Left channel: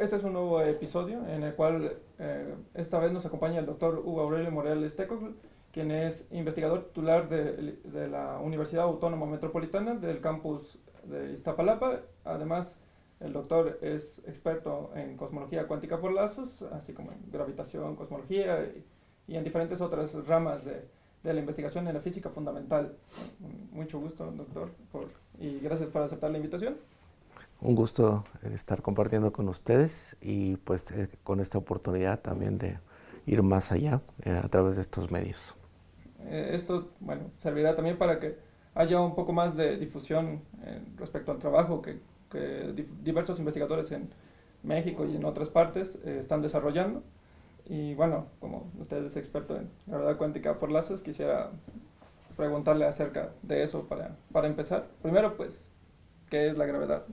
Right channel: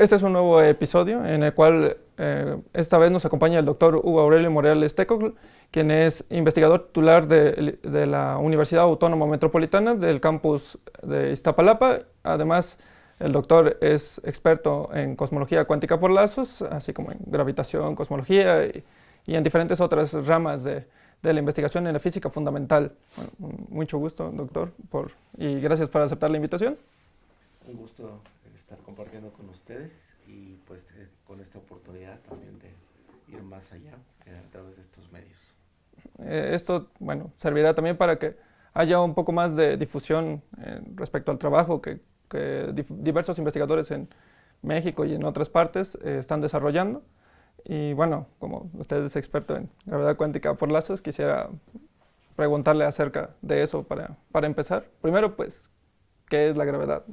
este es un nuevo episodio en el cual esta vez nos acompaña el doctor Hugo Aurelio Morales Tecocl, quien es investigador titular de la Universidad Autónoma Metropolitana del campus de Iztapalapa. Además, el doctor es experto en cosmología cuántica por lazos, así como en gravitación, cosmología y en diferentes otras ramas de la investigación en la física fundamental. Bueno, mucho gusto, doctor, y gracias por aceptar la invitación. Un gusto estar compartiendo con ustedes y pues con esta oportunidad también de ir más allá a través de estos medios. Esto, bueno, servirá también para que haya un poco más de difusión respecto al trabajo que diversos investigadores en México y en otras partes están desarrollando. Y bueno, como usted es experto en gravedad cuántica por lazos, quisiera preguntarle acerca de eso para empezar. Primero, pues, ¿qué es la gravedad?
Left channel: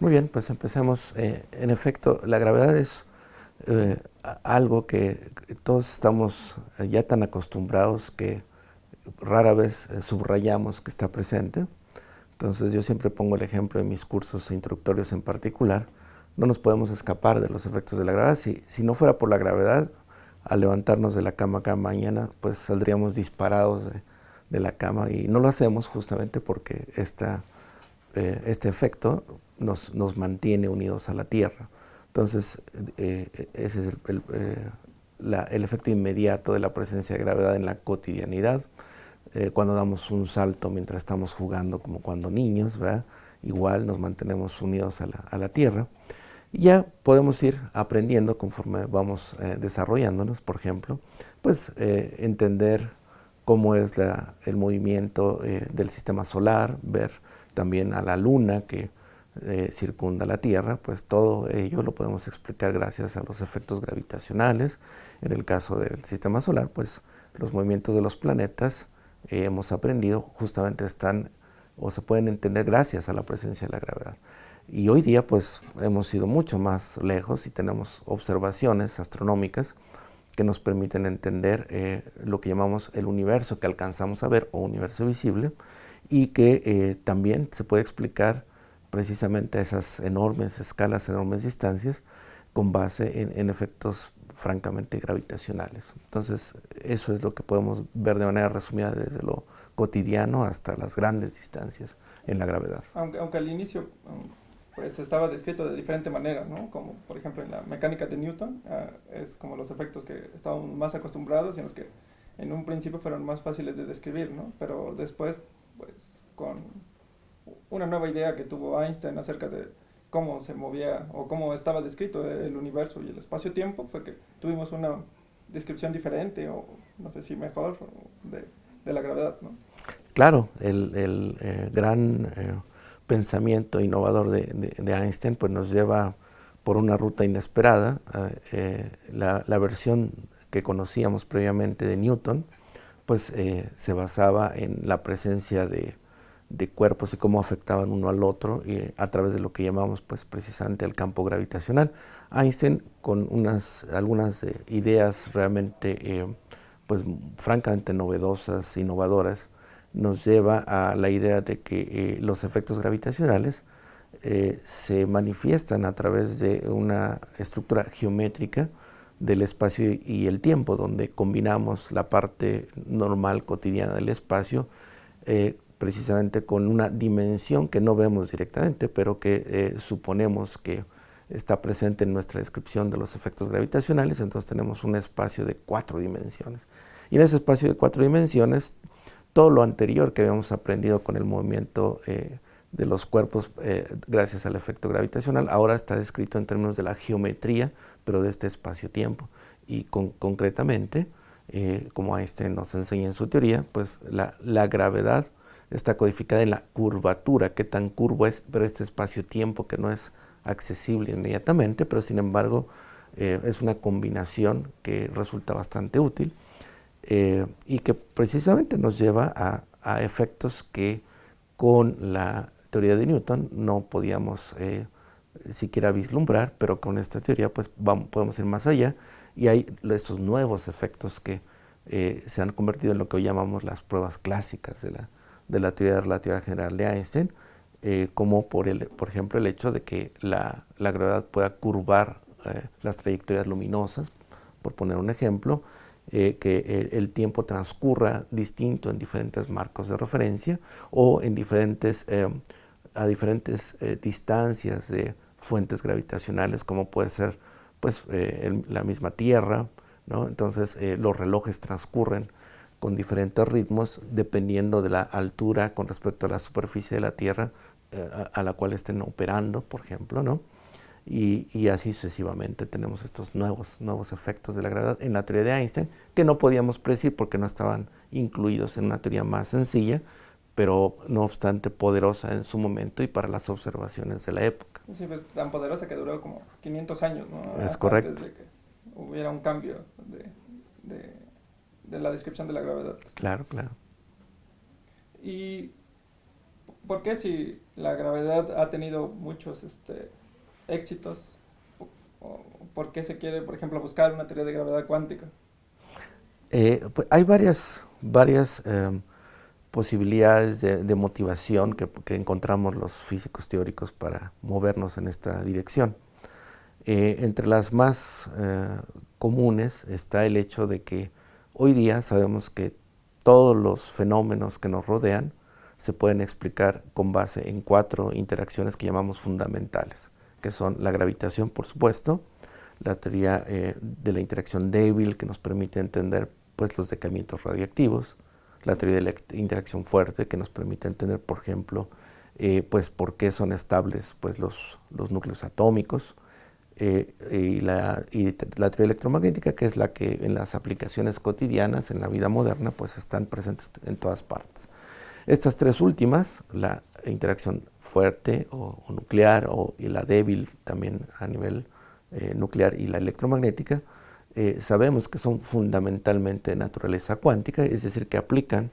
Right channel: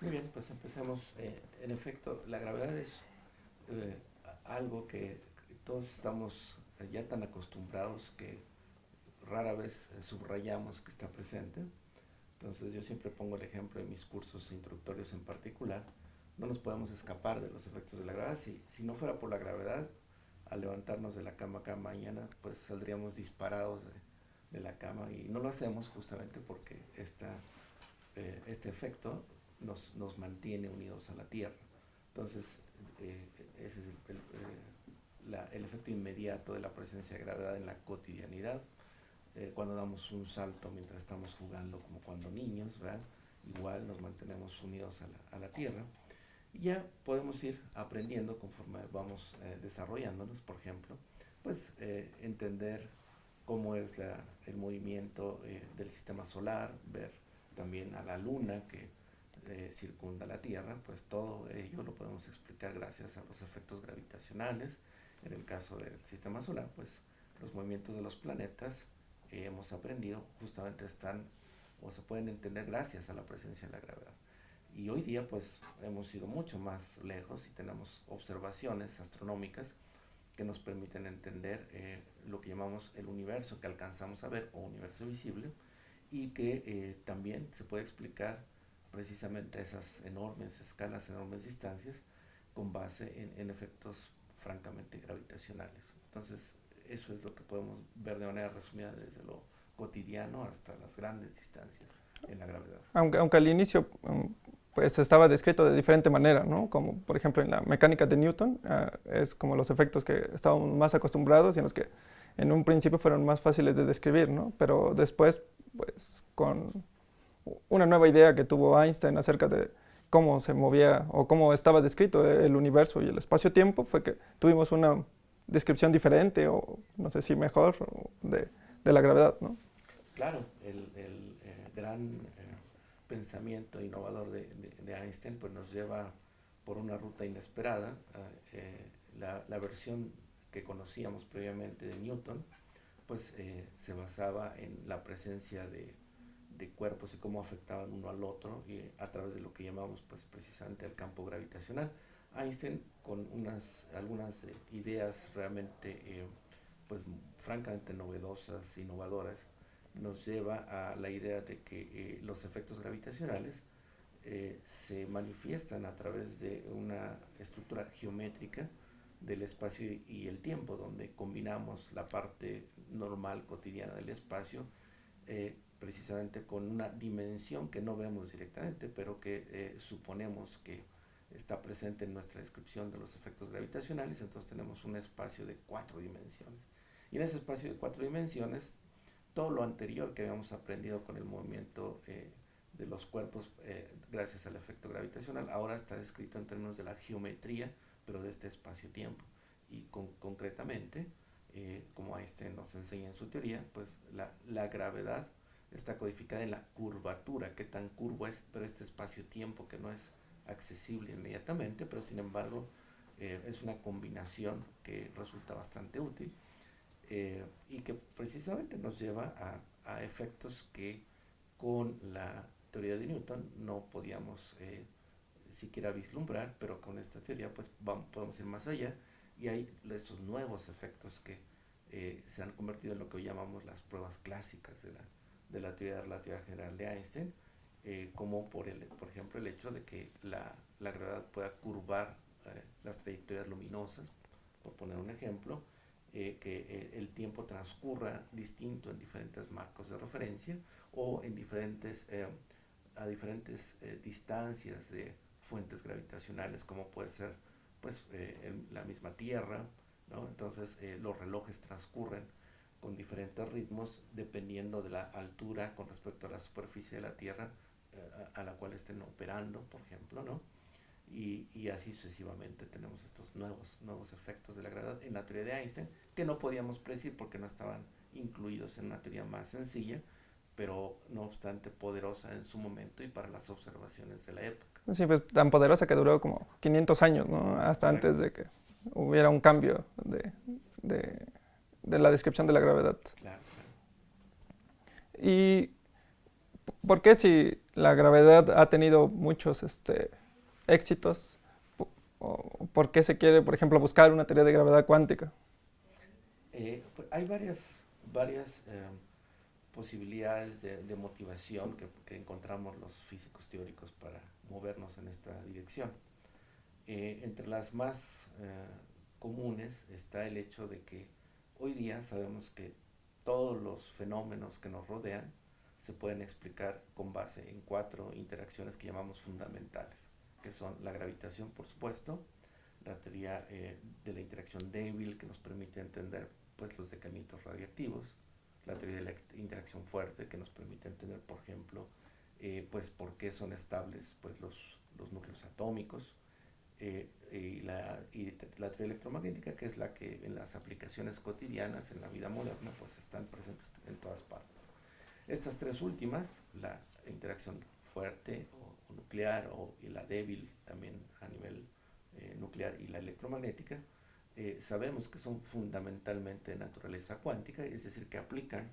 Muy bien, pues empecemos. En efecto, la gravedad es algo que todos estamos ya tan acostumbrados que rara vez subrayamos que está presente. Entonces yo siempre pongo el ejemplo en mis cursos introductorios en particular. No nos podemos escapar de los efectos de la gravedad. Si no fuera por la gravedad, al levantarnos de la cama cada mañana, pues saldríamos disparados de la cama y no lo hacemos justamente porque este efecto nos mantiene unidos a la Tierra. Entonces, ese es el efecto inmediato de la presencia de gravedad en la cotidianidad. Cuando damos un salto mientras estamos jugando, como cuando niños, ¿verdad? Igual nos mantenemos unidos a la Tierra. Y ya podemos ir aprendiendo conforme vamos desarrollándonos, por ejemplo, pues entender cómo es el movimiento del sistema solar, ver también a la luna que circunda la Tierra, pues todo ello lo podemos explicar gracias a los efectos gravitacionales. En el caso del sistema solar, pues los movimientos de los planetas hemos aprendido justamente están o se pueden entender gracias a la presencia de la gravedad. Y hoy día pues hemos ido mucho más lejos y tenemos observaciones astronómicas que nos permiten entender lo que llamamos el universo que alcanzamos a ver o universo visible y que también se puede explicar precisamente a esas enormes escalas, enormes distancias con base en efectos francamente gravitacionales. Entonces eso es lo que podemos ver de manera resumida desde lo cotidiano hasta las grandes distancias en la gravedad. Aunque al inicio pues estaba descrito de diferente manera, ¿no? Como por ejemplo en la mecánica de Newton, es como los efectos que estábamos más acostumbrados y en los que en un principio fueron más fáciles de describir, ¿no? Pero después, pues con una nueva idea que tuvo Einstein acerca de cómo se movía o cómo estaba descrito el universo y el espacio-tiempo, fue que tuvimos una descripción diferente o no sé si mejor de la gravedad, ¿no? Claro, el gran pensamiento innovador de Einstein pues nos lleva por una ruta inesperada. La versión que conocíamos previamente de Newton pues se basaba en la presencia de cuerpos y cómo afectaban uno al otro a través de lo que llamamos pues precisamente el campo gravitacional. Einstein con algunas ideas realmente pues francamente novedosas, innovadoras, nos lleva a la idea de que los efectos gravitacionales se manifiestan a través de una estructura geométrica del espacio y el tiempo, donde combinamos la parte normal cotidiana del espacio precisamente con una dimensión que no vemos directamente, pero que suponemos que está presente en nuestra descripción de los efectos gravitacionales. Entonces tenemos un espacio de 4 dimensiones. Y en ese espacio de 4 dimensiones, todo lo anterior que habíamos aprendido con el movimiento de los cuerpos gracias al efecto gravitacional, ahora está descrito en términos de la geometría, pero de este espacio-tiempo. Y concretamente, como Einstein nos enseña en su teoría, pues la gravedad está codificada en la curvatura, qué tan curvo es, pero este espacio-tiempo que no es accesible inmediatamente, pero sin embargo es una combinación que resulta bastante útil y que precisamente nos lleva a efectos que con la teoría de Newton no podíamos siquiera vislumbrar, pero con esta teoría pues podemos ir más allá y hay estos nuevos efectos que se han convertido en lo que hoy llamamos las pruebas clásicas de la teoría de relatividad general de Einstein como por ejemplo el hecho de que la gravedad pueda curvar las trayectorias luminosas, por poner un ejemplo, que el tiempo transcurra distinto en diferentes marcos de referencia o en a diferentes distancias de fuentes gravitacionales, como puede ser pues, la misma Tierra, ¿no? Entonces los relojes transcurren con diferentes ritmos dependiendo de la altura con respecto a la superficie de la Tierra a la cual estén operando, por ejemplo, ¿no? Y así sucesivamente tenemos estos nuevos efectos de la gravedad en la teoría de Einstein que no podíamos predecir porque no estaban incluidos en una teoría más sencilla, pero no obstante poderosa en su momento y para las observaciones de la época. Sí, pues tan poderosa que duró como 500 años, ¿no? Es Hasta correcto. antes de que hubiera un cambio de la descripción de la gravedad. Claro, claro. ¿Y por qué si la gravedad ha tenido muchos éxitos, por qué se quiere, por ejemplo, buscar una teoría de gravedad cuántica? Pues hay varias posibilidades de motivación que encontramos los físicos teóricos para movernos en esta dirección. Entre las más comunes está el hecho de que hoy día sabemos que todos los fenómenos que nos rodean se pueden explicar con base en 4 interacciones que llamamos fundamentales, que son la gravitación, por supuesto, la teoría de la interacción débil, que nos permite entender pues, los decaimientos radiactivos, la teoría de la interacción fuerte, que nos permite entender, por ejemplo, pues, por qué son estables pues, los núcleos atómicos, y la teoría electromagnética, que es la que en las aplicaciones cotidianas, en la vida moderna, pues están presentes en todas partes. Estas 3 últimas, la interacción fuerte o nuclear y la débil también a nivel nuclear y la electromagnética, sabemos que son fundamentalmente de naturaleza cuántica, es decir, que aplican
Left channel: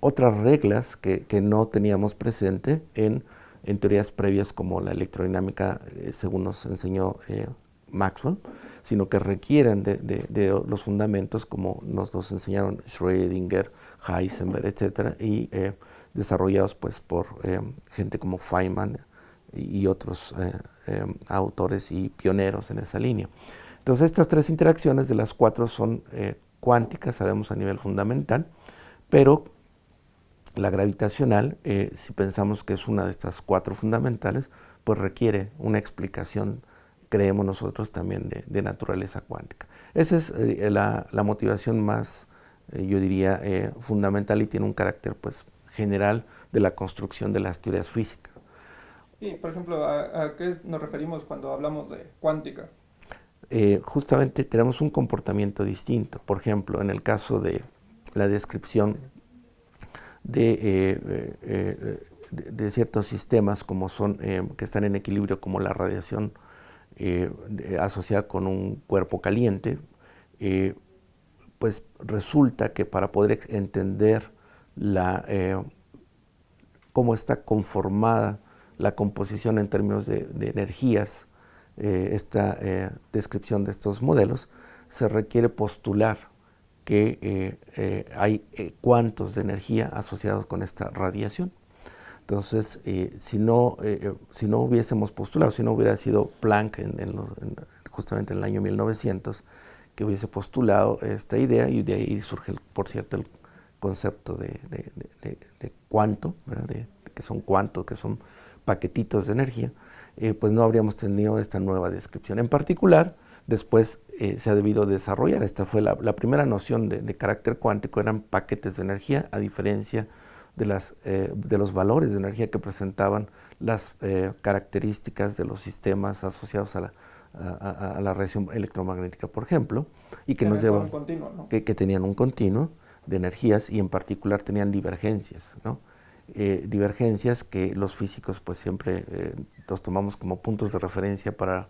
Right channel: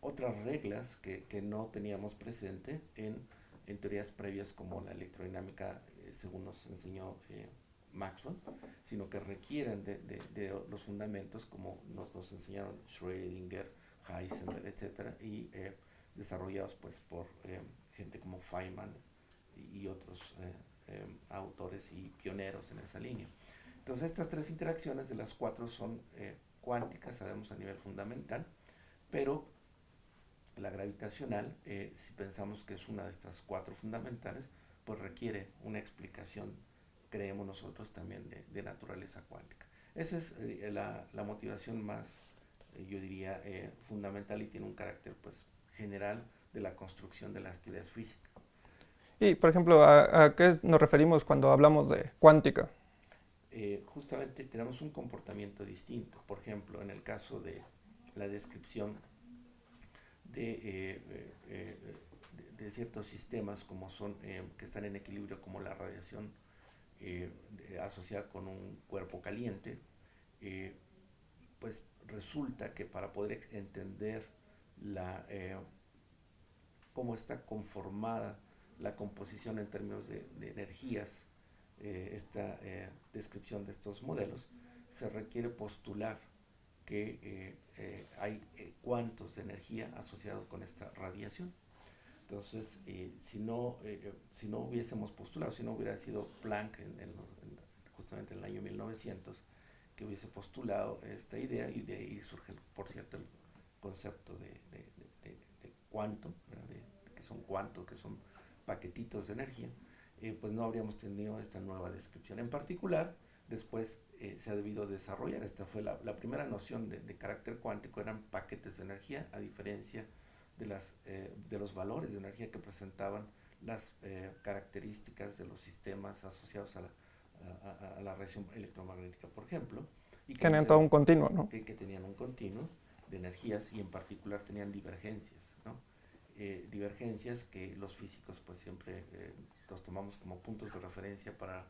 otras reglas que no teníamos presente en teorías previas como la electrodinámica, según nos enseñó Maxwell, sino que requieren de los fundamentos como nos los enseñaron Schrödinger, Heisenberg, etcétera, y desarrollados pues, por gente como Feynman y otros autores y pioneros en esa línea. Entonces estas 3 interacciones de las 4 son cuánticas, sabemos a nivel fundamental, pero la gravitacional, si pensamos que es una de estas 4 fundamentales, pues requiere una explicación, creemos nosotros, también de naturaleza cuántica. Esa es la motivación más, yo diría, fundamental y tiene un carácter pues, general de la construcción de las teorías físicas. Y, por ejemplo, ¿a qué nos referimos cuando hablamos de cuántica? Justamente tenemos un comportamiento distinto. Por ejemplo, en el caso de la descripción de ciertos sistemas como son, que están en equilibrio, como la radiación asociada con un cuerpo caliente, pues resulta que para poder entender cómo está conformada la composición en términos de energías, esta descripción de estos modelos, se requiere postular que hay cuantos de energía asociados con esta radiación. Entonces, si no hubiésemos postulado, si no hubiera sido Planck justamente en el año 1900, que hubiese postulado esta idea, y de ahí surge, por cierto, el concepto de cuanto, que son cuantos, que son paquetitos de energía, pues no habríamos tenido esta nueva descripción. En particular, después se ha debido desarrollar, esta fue la primera noción de carácter cuántico, eran paquetes de energía, a diferencia de los valores de energía que presentaban las características de los sistemas asociados a la radiación electromagnética, por ejemplo, y que Tenían todo un continuo, ¿no? que tenían un continuo de energías y en particular tenían divergencias, ¿no? Divergencias que los físicos pues siempre los tomamos como puntos de referencia para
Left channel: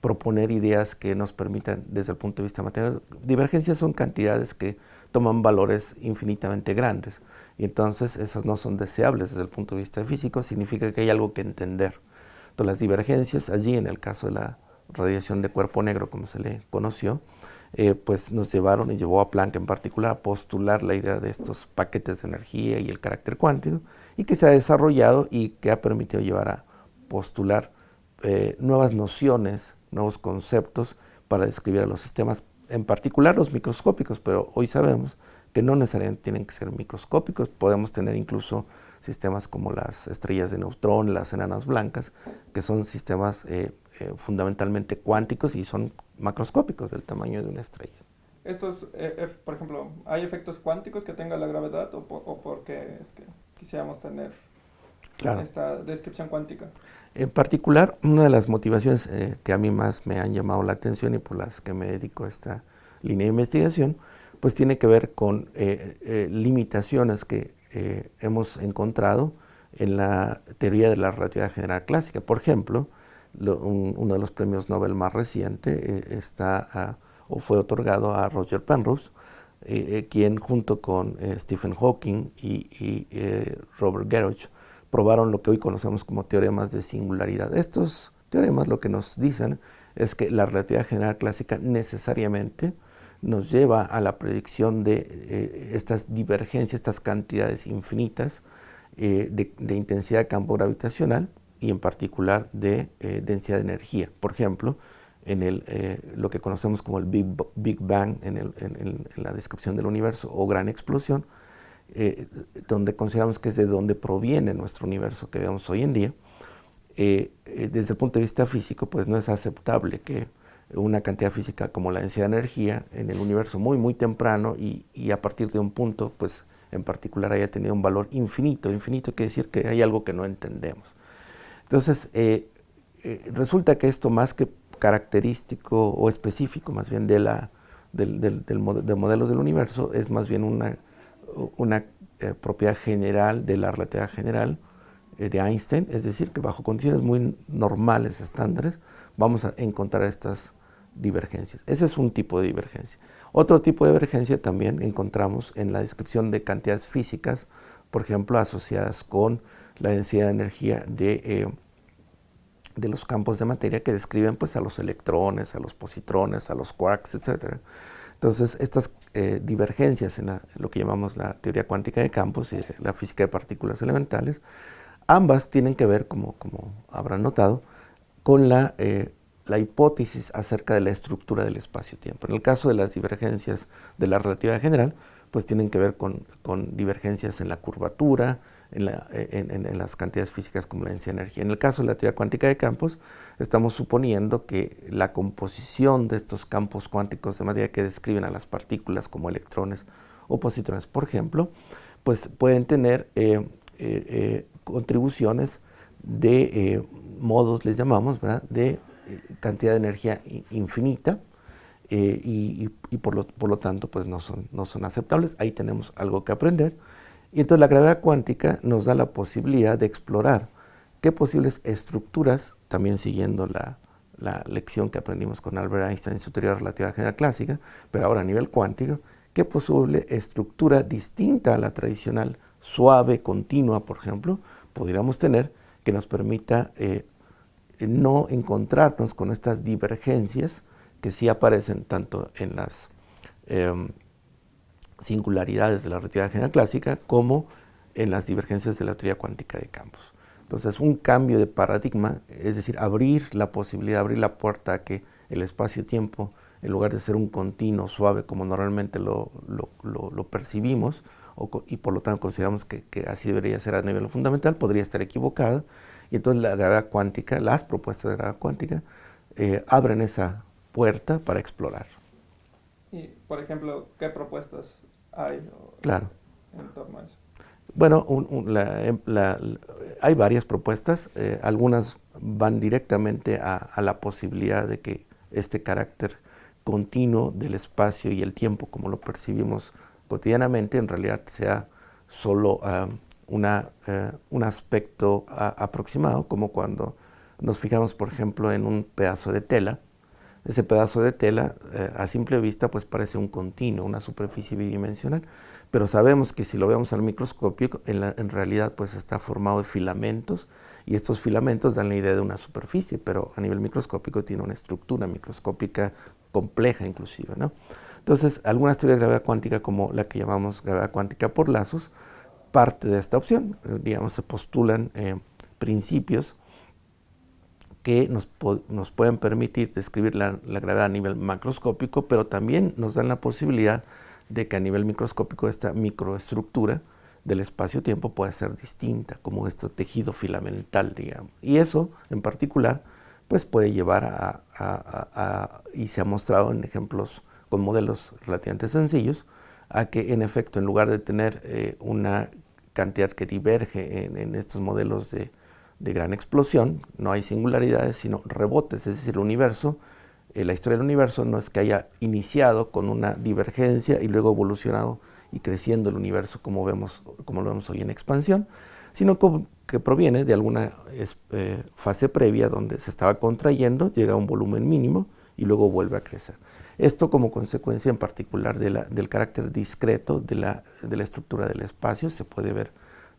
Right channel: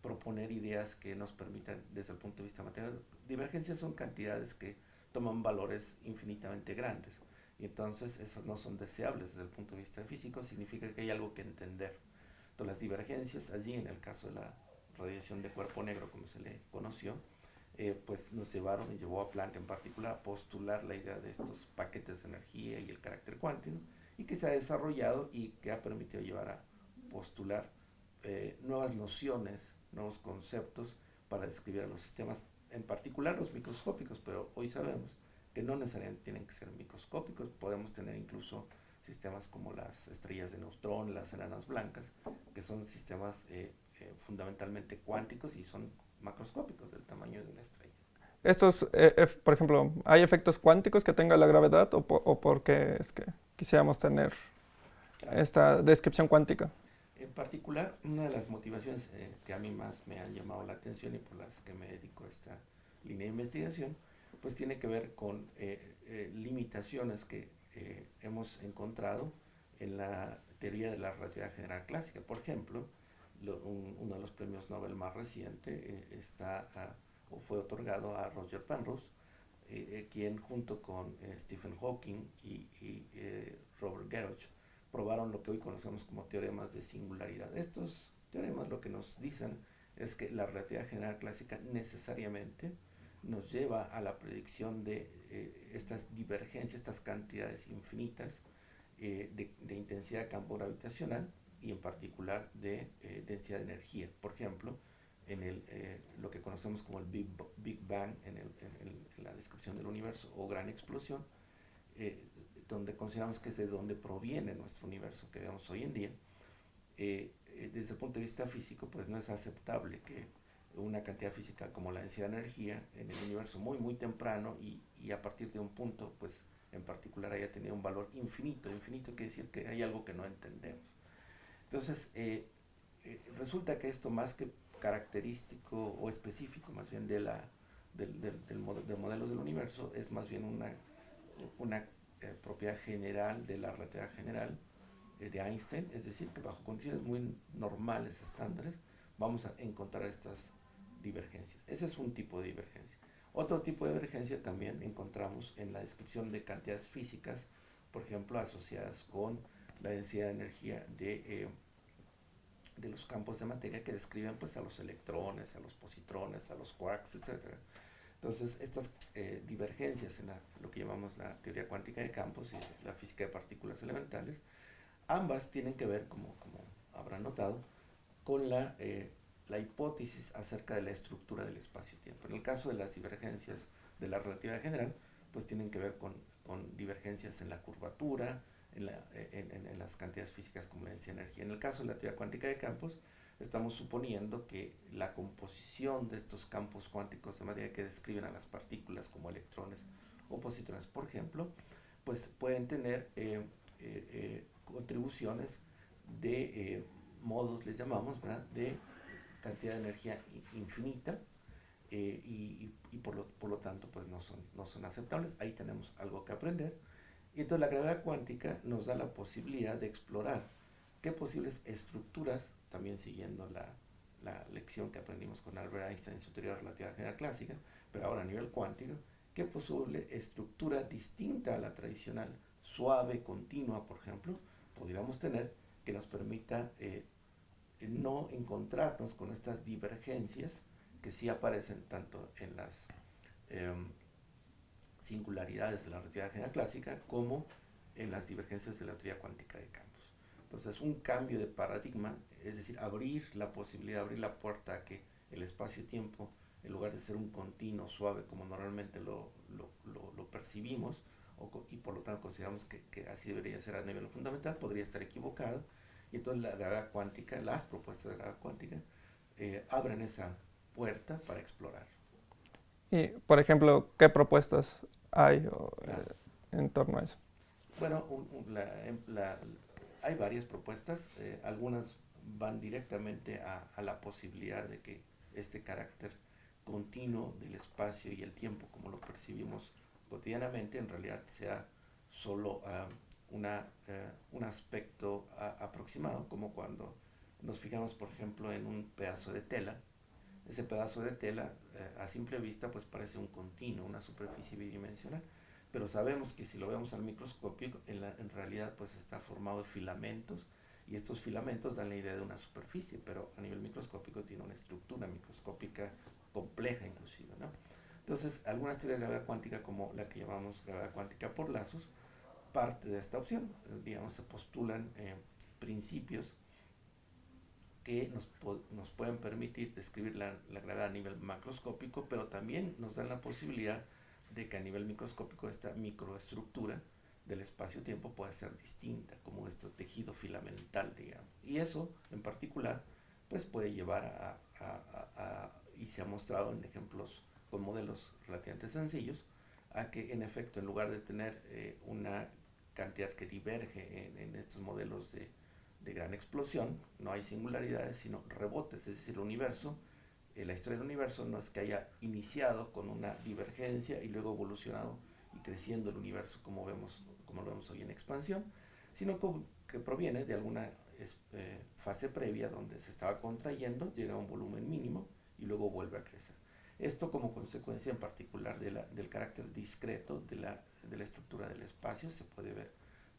proponer ideas que nos permitan desde el punto de vista matemático. Divergencias son cantidades que toman valores infinitamente grandes y entonces esas no son deseables desde el punto de vista físico, significa que hay algo que entender. Entonces las divergencias allí, en el caso de la radiación de cuerpo negro como se le conoció, pues nos llevaron y llevó a Planck en particular a postular la idea de estos paquetes de energía y el carácter cuántico, y que se ha desarrollado y que ha permitido llevar a postular nuevas nociones, nuevos conceptos para describir a los sistemas, en particular los microscópicos, pero hoy sabemos que no necesariamente tienen que ser microscópicos, podemos tener incluso sistemas como las estrellas de neutrón, las enanas blancas, que son sistemas fundamentalmente cuánticos y son macroscópicos del tamaño de una estrella. Estos, por ejemplo, ¿hay efectos cuánticos que tenga la gravedad o porque es que quisiéramos tener esta descripción cuántica? En particular, una de las motivaciones que a mí más me han llamado la atención y por las que me dedico a esta línea de investigación, pues tiene que ver con limitaciones que hemos encontrado en la teoría de la relatividad general clásica. Por ejemplo, uno de los premios Nobel más reciente o fue otorgado a Roger Penrose, quien junto con Stephen Hawking y Robert Garroch probaron lo que hoy conocemos como teoremas de singularidad. Estos teoremas lo que nos dicen es que la relatividad general clásica necesariamente nos lleva a la predicción de estas divergencias, estas cantidades infinitas de intensidad de campo gravitacional y en particular de densidad de energía. Por ejemplo, en lo que conocemos como el Big Bang en la descripción del universo o gran explosión, donde consideramos que es de donde proviene nuestro universo que vemos hoy en día, desde el punto de vista físico, pues no es aceptable que una cantidad física como la densidad de energía en el universo muy, muy temprano y a partir de un punto, pues en particular haya tenido un valor infinito. Infinito quiere decir que hay algo que no entendemos. Entonces, resulta que esto más que característico o específico más bien de modelos del universo, es más bien una propiedad general de la relatividad general de Einstein, es decir, que bajo condiciones muy normales, estándares, vamos a encontrar estas divergencias. Ese es un tipo de divergencia. Otro tipo de divergencia también encontramos en la descripción de cantidades físicas, por ejemplo, asociadas con la densidad de energía de los campos de materia que describen pues, a los electrones, a los positrones, a los quarks, etc. Entonces, estas divergencias en lo que llamamos la teoría cuántica de campos y la física de partículas elementales, ambas tienen que ver, como habrán notado, con la hipótesis acerca de la estructura del espacio-tiempo. En el caso de las divergencias de la relatividad general, pues tienen que ver con divergencias en la curvatura, en las cantidades físicas como la densidad de energía. En el caso de la teoría cuántica de campos, estamos suponiendo que la composición de estos campos cuánticos de materia que describen a las partículas como electrones o positrones, por ejemplo, pues pueden tener contribuciones de modos, les llamamos, ¿verdad?, de cantidad de energía infinita y por lo tanto pues no son aceptables. Ahí tenemos algo que aprender. Y entonces la gravedad cuántica nos da la posibilidad de explorar qué posibles estructuras, también siguiendo la lección que aprendimos con Albert Einstein en su teoría de relatividad general clásica, pero ahora a nivel cuántico, qué posible estructura distinta a la tradicional, suave, continua, por ejemplo, podríamos tener que nos permita no encontrarnos con estas divergencias que sí aparecen tanto en las singularidades de la relatividad general clásica como en las divergencias de la teoría cuántica de campos. Entonces, un cambio de paradigma, es decir, abrir la posibilidad, abrir la puerta a que el espacio-tiempo, en lugar de ser un continuo suave como normalmente lo percibimos, y por lo tanto consideramos que así debería ser a nivel fundamental, podría estar equivocada, y entonces la gravedad cuántica, las propuestas de gravedad cuántica, abren esa puerta para explorar. Y, por ejemplo, ¿qué propuestas hay Claro. en torno a eso? Bueno, hay varias propuestas, algunas van directamente a la posibilidad de que este carácter continuo del espacio y el tiempo, como lo percibimos cotidianamente, en realidad sea solo un aspecto aproximado, como cuando nos fijamos, por ejemplo, en un pedazo de tela. Ese pedazo de tela, a simple vista, pues parece un continuo, una superficie bidimensional, pero sabemos que si lo vemos al microscopio, en realidad pues está formado de filamentos, y estos filamentos dan la idea de una superficie, pero a nivel microscópico tiene una estructura microscópica compleja inclusive, ¿no? Entonces, algunas teorías de gravedad cuántica, como la que llamamos gravedad cuántica por lazos, parte de esta opción. Digamos, se postulan principios que nos pueden permitir describir la gravedad a nivel macroscópico, pero también nos dan la posibilidad de que a nivel microscópico esta microestructura del espacio-tiempo pueda ser distinta, como este tejido filamental, digamos. Y eso, en particular, pues puede llevar y se ha mostrado en ejemplos con modelos relativamente sencillos, a que en efecto, en lugar de tener una cantidad que diverge en estos modelos de gran explosión, no hay singularidades, sino rebotes, es decir, el universo, la historia del universo no es que haya iniciado con una divergencia y luego evolucionado y creciendo el universo como lo vemos hoy en expansión, sino que proviene de alguna fase previa donde se estaba contrayendo, llega a un volumen mínimo y luego vuelve a crecer. Esto como consecuencia en particular del carácter discreto de la estructura del espacio se puede ver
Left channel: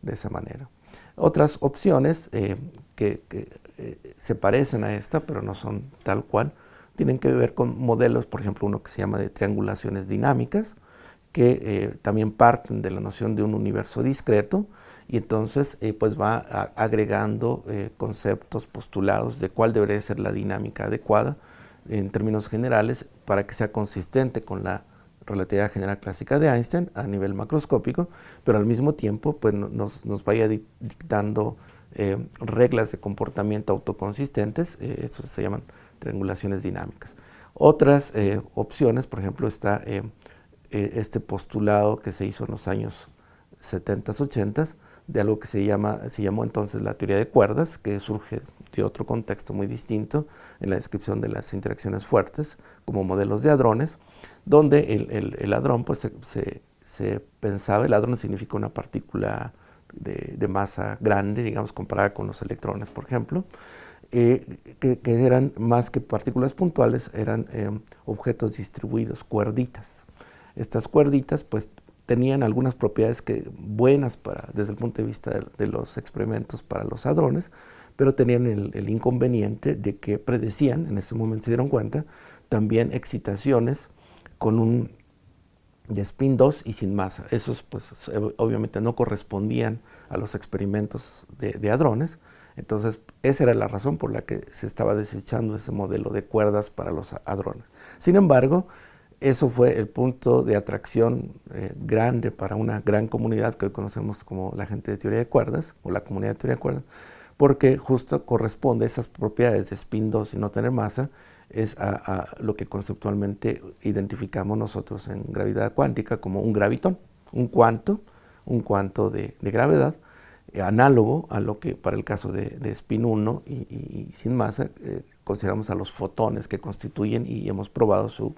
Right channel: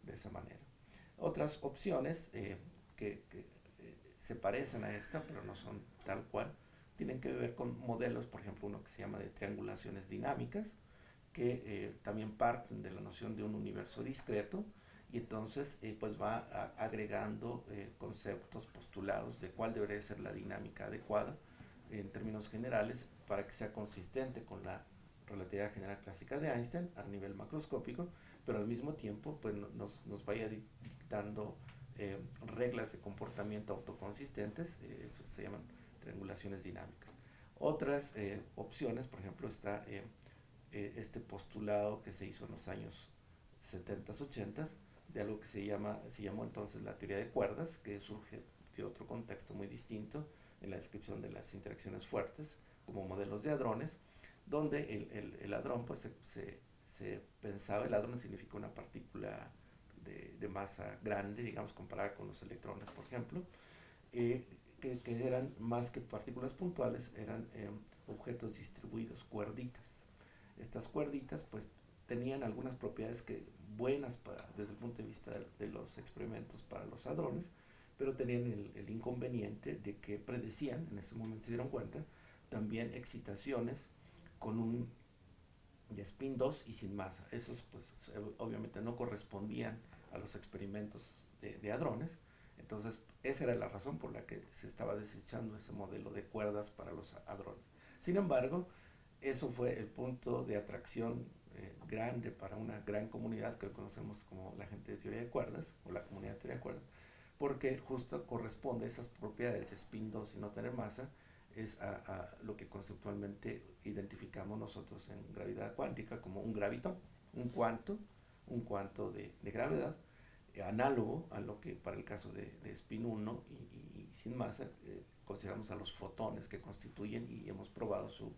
de esa manera. Otras opciones que se parecen a esta, pero no son tal cual, tienen que ver con modelos, por ejemplo, uno que se llama de triangulaciones dinámicas, que también parten de la noción de un universo discreto y entonces pues va agregando conceptos, postulados de cuál debería ser la dinámica adecuada en términos generales para que sea consistente con la relatividad general clásica de Einstein a nivel macroscópico, pero al mismo tiempo pues, nos vaya dictando reglas de comportamiento autoconsistentes, estos se llaman triangulaciones dinámicas. Otras opciones, por ejemplo, está este postulado que se hizo en los años 70s, 80s, de algo que se llamó entonces la teoría de cuerdas, que surge de otro contexto muy distinto en la descripción de las interacciones fuertes como modelos de hadrones, donde el hadrón pues, se pensaba, el hadrón significa una partícula de masa grande, digamos, comparada con los electrones, por ejemplo, que eran más que partículas puntuales, eran objetos distribuidos, cuerditas. Estas cuerditas pues tenían algunas propiedades buenas desde el punto de vista de los experimentos para los hadrones, pero tenían el inconveniente de que predecían, en ese momento se dieron cuenta, también excitaciones con un de spin 2 y sin masa. Esos pues obviamente no correspondían a los experimentos de hadrones, entonces esa era la razón por la que se estaba desechando ese modelo de cuerdas para los hadrones. Sin embargo, eso fue el punto de atracción grande para una gran comunidad que hoy conocemos como la gente de teoría de cuerdas, o la comunidad de teoría de cuerdas, porque justo corresponde a esas propiedades de spin 2 y no tener masa, es a lo que conceptualmente identificamos nosotros en gravedad cuántica como un gravitón, un cuanto de gravedad, análogo a lo que para el caso de spin 1 y sin masa consideramos a los fotones que constituyen y hemos probado su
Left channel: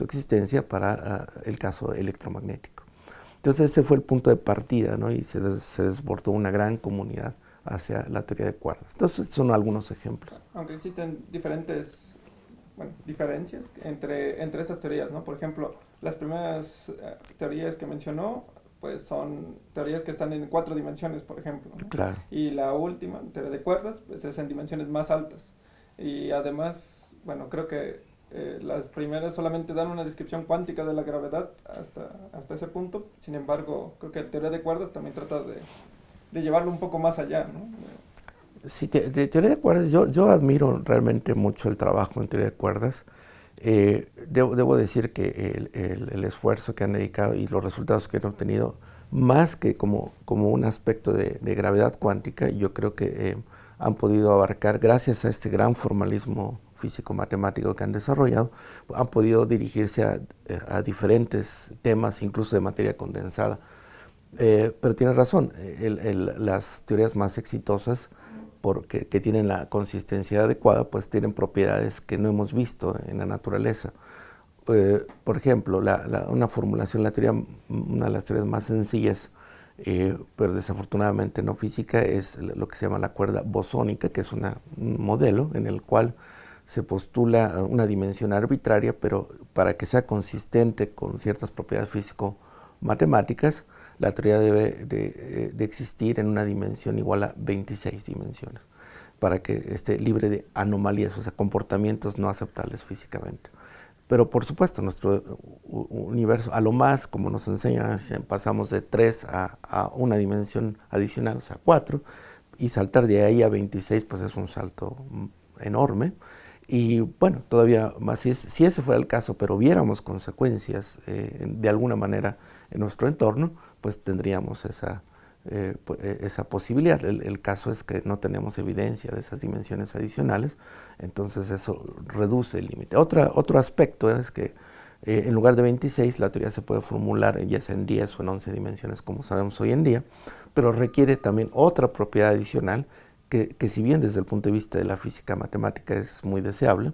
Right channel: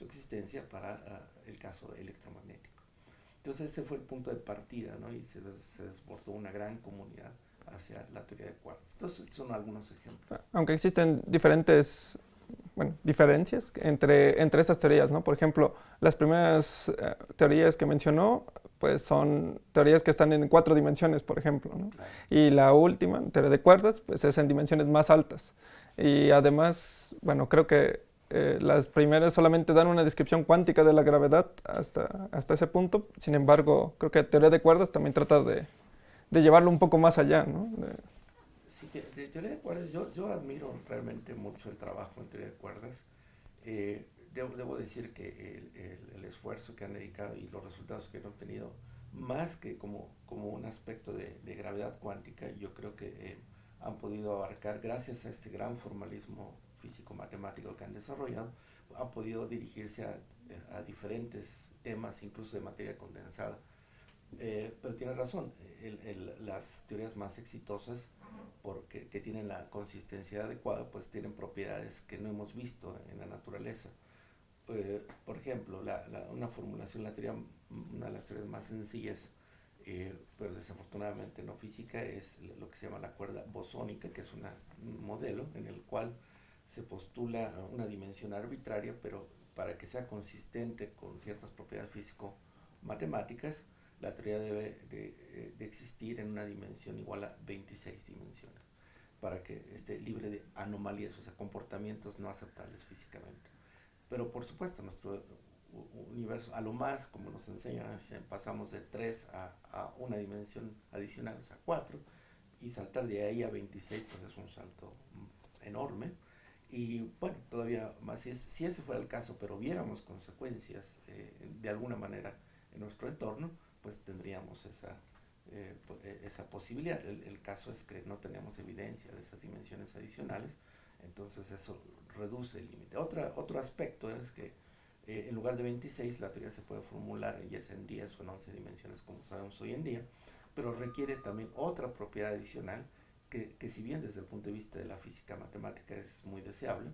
existencia para el caso electromagnético. Entonces ese fue el punto de partida, ¿no? Y se desbordó una gran comunidad hacia la teoría de cuerdas. Entonces son algunos ejemplos. Aunque existen diferentes diferencias entre estas teorías, ¿no? Por ejemplo, las primeras teorías que mencionó pues son teorías que están en 4 dimensiones, por ejemplo, ¿no? Claro. Y la última, teoría de cuerdas, pues es en dimensiones más altas. Y además, bueno, creo que las primeras solamente dan una descripción cuántica de la gravedad hasta ese punto. Sin embargo, creo que teoría de cuerdas también trata de llevarlo un poco más allá, ¿no? Sí, de teoría de cuerdas, yo admiro realmente mucho el trabajo en teoría de cuerdas. Debo decir que el esfuerzo que han dedicado y los resultados que han obtenido, más que como un aspecto de gravedad cuántica, yo creo que han podido abarcar, gracias a este gran formalismo físico-matemático que han desarrollado, han podido dirigirse a diferentes temas, incluso de materia condensada. Pero tiene razón, las teorías más exitosas que tienen la consistencia adecuada, pues tienen propiedades que no hemos visto en la naturaleza. Por ejemplo, una formulación, una de las teorías más sencillas, pero desafortunadamente no física, es lo que se llama la cuerda bosónica, que es un modelo en el cual se postula una dimensión arbitraria, pero para que sea consistente con ciertas propiedades físico-matemáticas, la teoría debe de existir en una dimensión igual a 26 dimensiones para que esté libre de anomalías, o sea, comportamientos no aceptables físicamente. Pero por supuesto, nuestro universo, a lo más, como nos enseñan, pasamos de 3 a una dimensión adicional, o sea, 4, y saltar de ahí a 26, pues es un salto enorme. Y bueno, todavía más, si ese fuera el caso, pero viéramos consecuencias de alguna manera en nuestro entorno, pues tendríamos esa posibilidad. El caso es que no tenemos evidencia de esas dimensiones adicionales, entonces eso reduce el límite. Otro aspecto es que en lugar de 26, la teoría se puede formular ya sea en 10 o en 11 dimensiones, como sabemos hoy en día, pero requiere también otra propiedad adicional que si bien desde el punto de vista de la física matemática es muy deseable,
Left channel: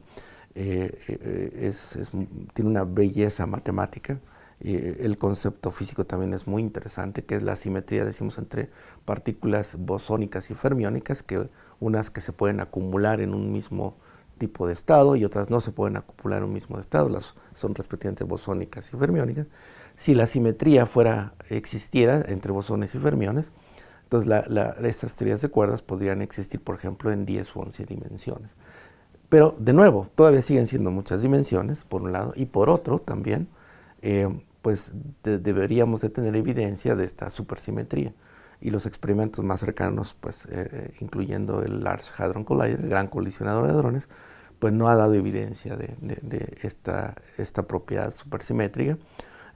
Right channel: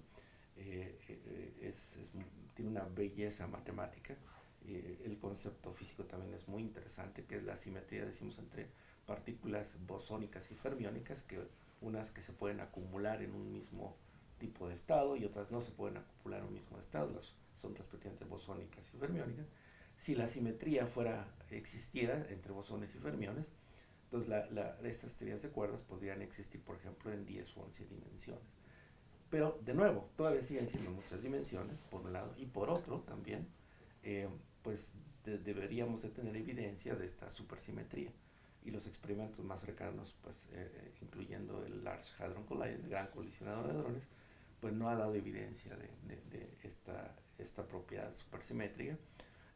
tiene una belleza matemática. El concepto físico también es muy interesante, que es la simetría, decimos, entre partículas bosónicas y fermiónicas, que unas que se pueden acumular en un mismo tipo de estado y otras no se pueden acumular en un mismo estado, son respectivamente bosónicas y fermiónicas. Si la simetría existiera entre bosones y fermiones, entonces estas teorías de cuerdas podrían existir, por ejemplo, en 10 u 11 dimensiones. Pero, de nuevo, todavía siguen siendo muchas dimensiones, por un lado, y por otro también, pues deberíamos de tener evidencia de esta supersimetría. Y los experimentos más cercanos, pues incluyendo el Large Hadron Collider, el gran colisionador de hadrones, pues no ha dado evidencia de esta propiedad supersimétrica.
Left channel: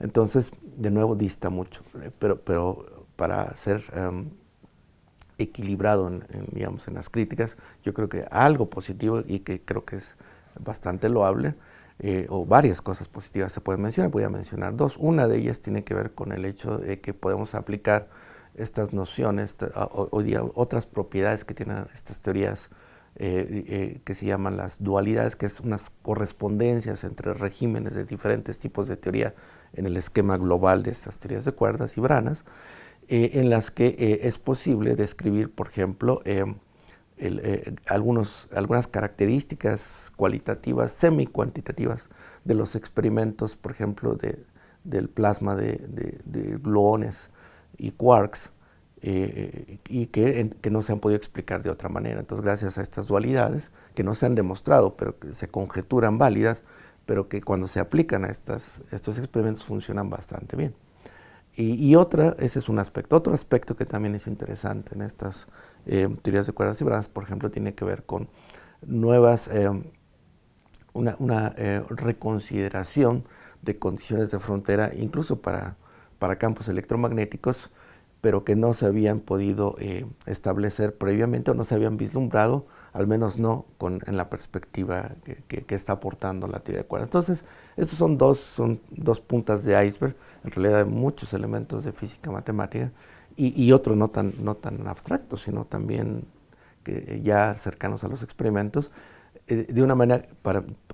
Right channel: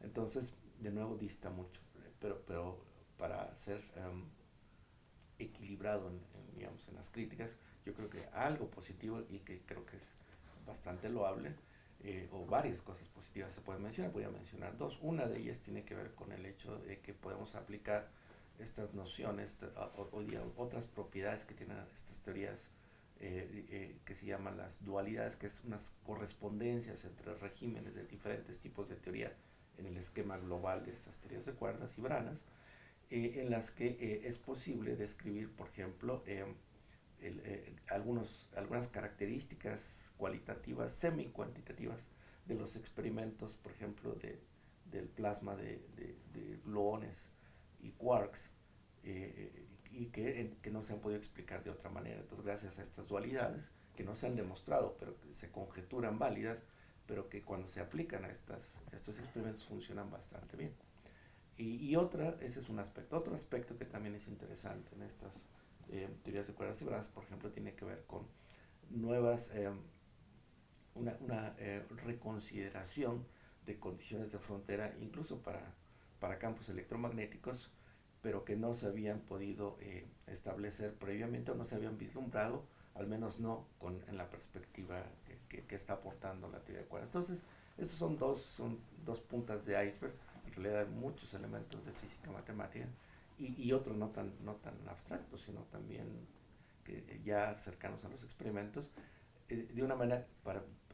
Entonces, de nuevo, dista mucho. Pero para ser equilibrado digamos, en las críticas, yo creo que algo positivo y que creo que es bastante loable, o varias cosas positivas se pueden mencionar. Voy a mencionar dos. Una de ellas tiene que ver con el hecho de que podemos aplicar estas nociones otras propiedades que tienen estas teorías que se llaman las dualidades, que es unas correspondencias entre regímenes de diferentes tipos de teoría en el esquema global de estas teorías de cuerdas y branas, en las que es posible describir, por ejemplo, algunas características cualitativas, semi-cuantitativas de los experimentos, por ejemplo, del plasma de gluones y quarks, y que no se han podido explicar de otra manera. Entonces, gracias a estas dualidades, que no se han demostrado, pero que se conjeturan válidas, pero que cuando se aplican a estos experimentos funcionan bastante bien. Ese es un aspecto. Otro aspecto que también es interesante en estas teorías de cuerdas y branas, por ejemplo, tiene que ver con una reconsideración de condiciones de frontera, incluso para campos electromagnéticos, pero que no se habían podido establecer previamente o no se habían vislumbrado, al menos no en la perspectiva que está aportando la teoría de cuerdas. Entonces, estos son dos puntas de iceberg, en realidad hay muchos elementos de física matemática y otros no tan abstractos, sino también ya cercanos a los experimentos, de una manera,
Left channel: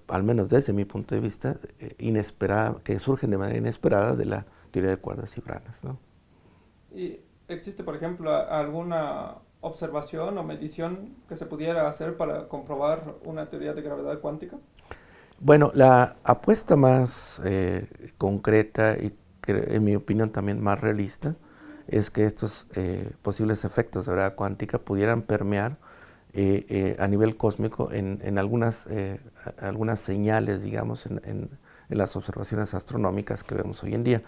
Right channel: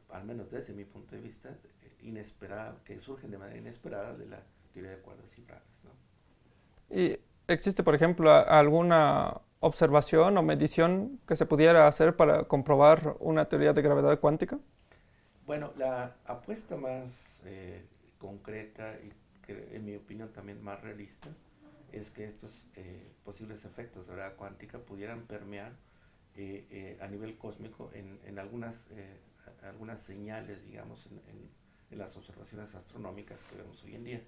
al menos desde mi punto de vista, inesperada, que surgen de manera inesperada de la teoría de cuerdas y branas, ¿no? ¿Y existe, por ejemplo, alguna observación o medición que se pudiera hacer para comprobar una teoría de gravedad cuántica? Bueno, la apuesta más concreta y en mi opinión también más realista es que estos posibles efectos de gravedad cuántica pudieran permear a nivel cósmico en algunas señales, digamos, en las observaciones astronómicas que vemos hoy en día.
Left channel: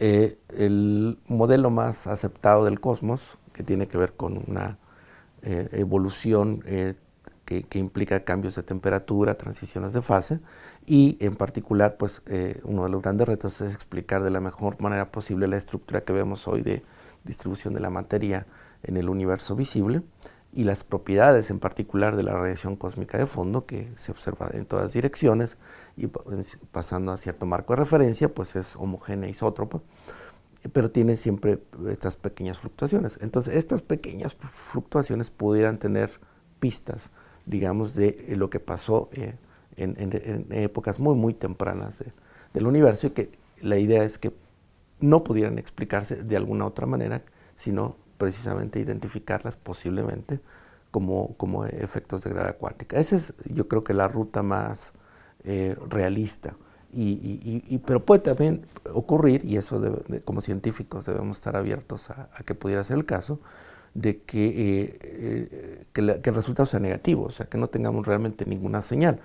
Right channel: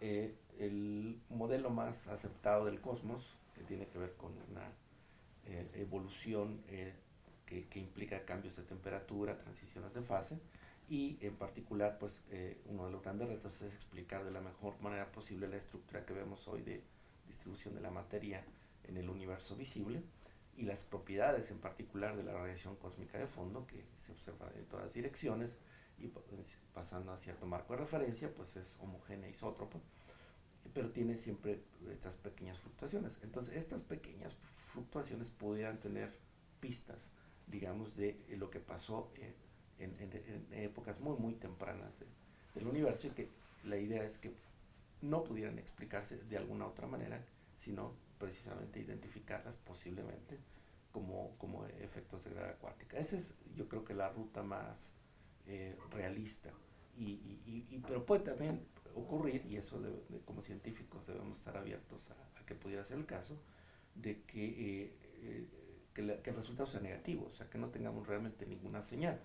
El modelo más aceptado del cosmos, que tiene que ver con una evolución que implica cambios de temperatura, transiciones de fase, y en particular, pues uno de los grandes retos es explicar de la mejor manera posible la estructura que vemos hoy de distribución de la materia en el universo visible y las propiedades en particular de la radiación cósmica de fondo, que se observa en todas direcciones y pasando a cierto marco de referencia, pues es homogénea isótropa, pero tiene siempre estas pequeñas fluctuaciones. Entonces, estas pequeñas fluctuaciones pudieran tener pistas, digamos, de lo que pasó en épocas muy, muy tempranas del universo, y que la idea es que no pudieran explicarse de alguna otra manera, sino precisamente identificarlas posiblemente como efectos de gravedad cuántica. Esa es, yo creo que la ruta más realista Pero puede también ocurrir, y eso como científicos debemos estar abiertos a que pudiera ser el caso, de que el resultado sea negativo, o sea, que no tengamos realmente ninguna señal.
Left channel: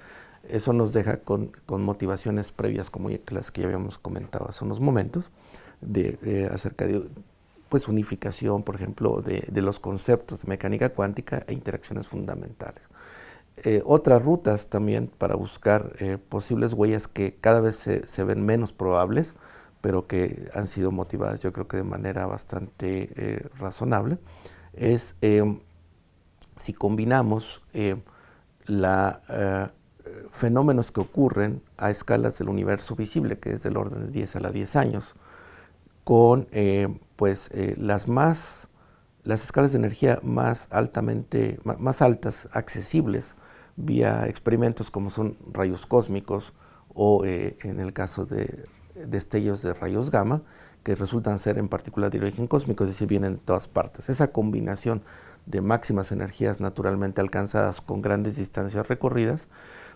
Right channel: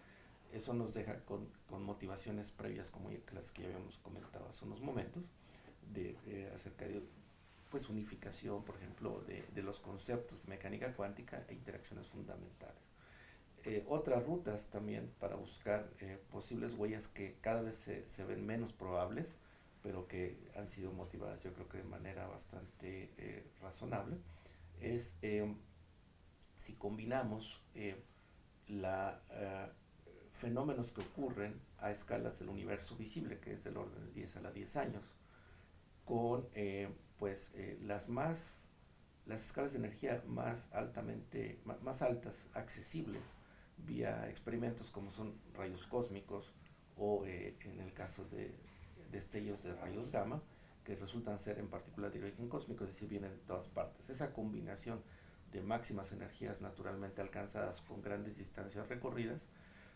Eso nos deja con motivaciones previas como las que ya habíamos comentado hace unos momentos, acerca de pues, unificación, por ejemplo, de los conceptos de mecánica cuántica e interacciones fundamentales. Otras rutas también para buscar posibles huellas que cada vez se ven menos probables, pero que han sido motivadas yo creo que de manera bastante razonable, es si combinamos fenómenos que ocurren a escalas del universo visible, que es del orden de 10 a la 10 años, con las escalas de energía más altas, accesibles, vía experimentos como son rayos cósmicos o en el caso de destellos de rayos gamma, que resultan ser en particular de origen cósmico, es decir, vienen de todas partes. Esa combinación de máximas energías naturalmente alcanzadas con grandes distancias recorridas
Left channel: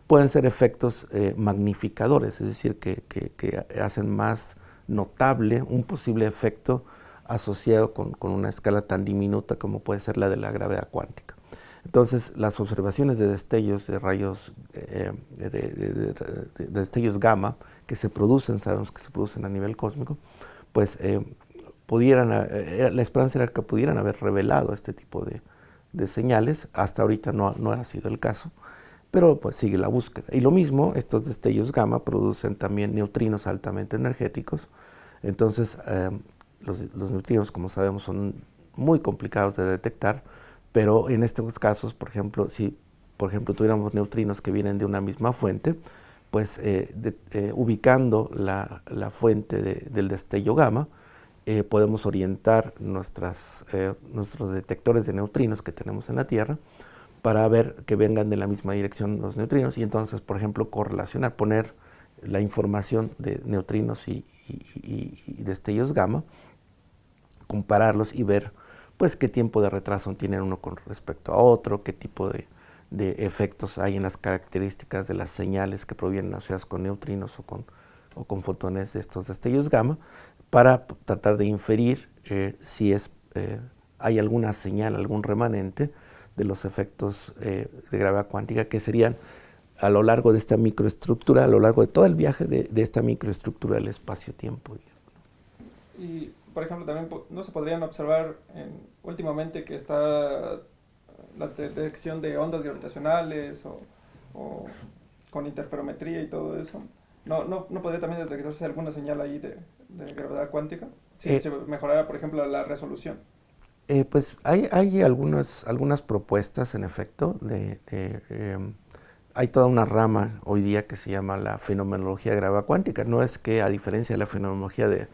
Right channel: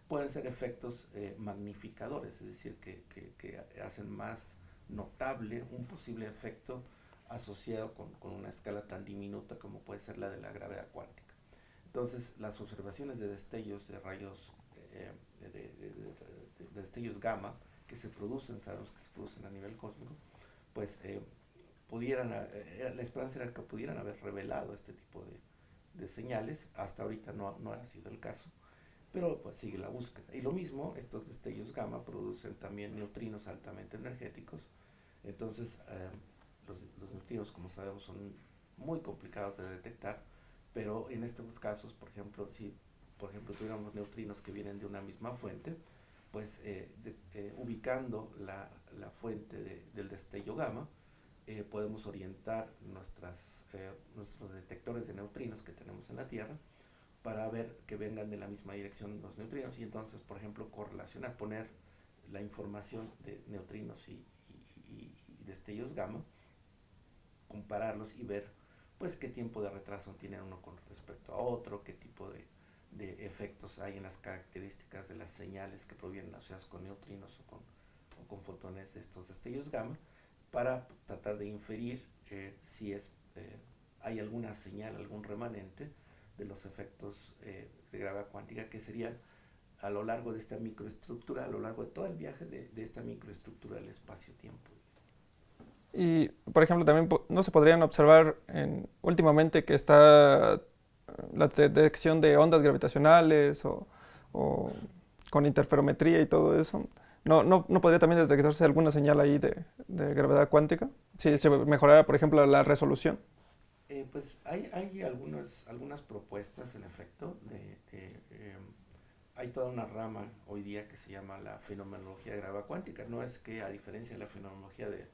pueden ser efectos magnificadores, es decir, que hacen más notable un posible efecto asociado con una escala tan diminuta como puede ser la de la gravedad cuántica. Entonces, las observaciones de destellos de rayos, de destellos gamma que se producen, sabemos que se producen a nivel cósmico, pues la esperanza era que pudieran haber revelado este tipo de señales. Hasta ahorita no ha sido el caso, pero pues sigue la búsqueda. Y lo mismo, estos destellos gamma producen también neutrinos altamente energéticos. Entonces, los neutrinos, como sabemos, son muy complicados de detectar, pero en estos casos, por ejemplo, si tuviéramos neutrinos que vienen de una misma fuente, pues ubicando la fuente del destello gamma, podemos orientar nuestros detectores de neutrinos que tenemos en la Tierra para ver que vengan de la misma dirección los neutrinos y entonces, por ejemplo, correlacionar, poner la información de neutrinos y destellos gamma, compararlos y ver pues qué tiempo de retraso tienen uno con respecto a otro, qué tipo de efectos hay en las características de las señales que provienen asociadas con neutrinos o con fotones de estos destellos gamma, para tratar de inferir si hay alguna señal, algún remanente de los efectos de gravedad cuántica que serían a lo largo de esta microestructura, a lo largo de todo el viaje de esta microestructura del espacio-tiempo. Y, por ejemplo, también no se podrían observar últimamente que está la detección de ondas gravitacionales o con interferometría y todo eso. ¿No podría también detectarse alguna señal ahí de gravedad cuántica? Si se mejorara, por ejemplo, la resolución. Pues hay algunas propuestas, en efecto. Hay toda una rama hoy día que se llama la fenomenología de gravedad cuántica. No es que, a diferencia de la fenomenología de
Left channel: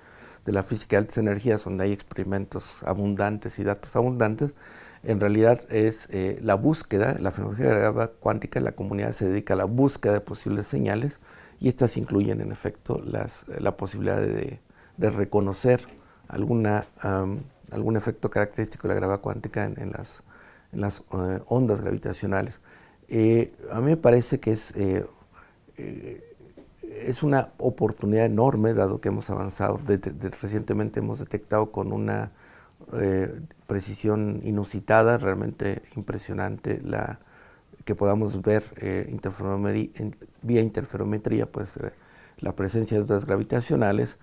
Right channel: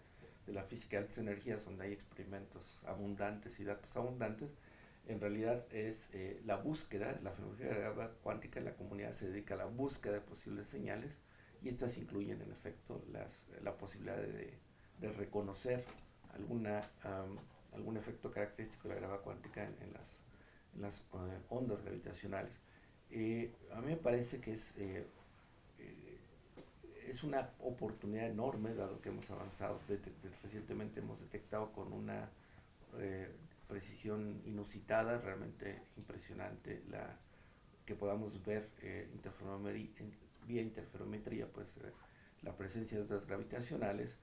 la física de altas energías, donde hay experimentos abundantes y datos abundantes, en realidad es la búsqueda, la fenomenología de gravedad cuántica, la comunidad se dedica a la búsqueda de posibles señales y estas incluyen, en efecto, la posibilidad de reconocer algún efecto característico de la gravedad cuántica en las ondas gravitacionales. A mí me parece que es una oportunidad enorme, dado que hemos avanzado. Recientemente hemos detectado con una precisión inusitada, realmente impresionante, que podamos ver vía interferometría pues, la presencia de ondas gravitacionales,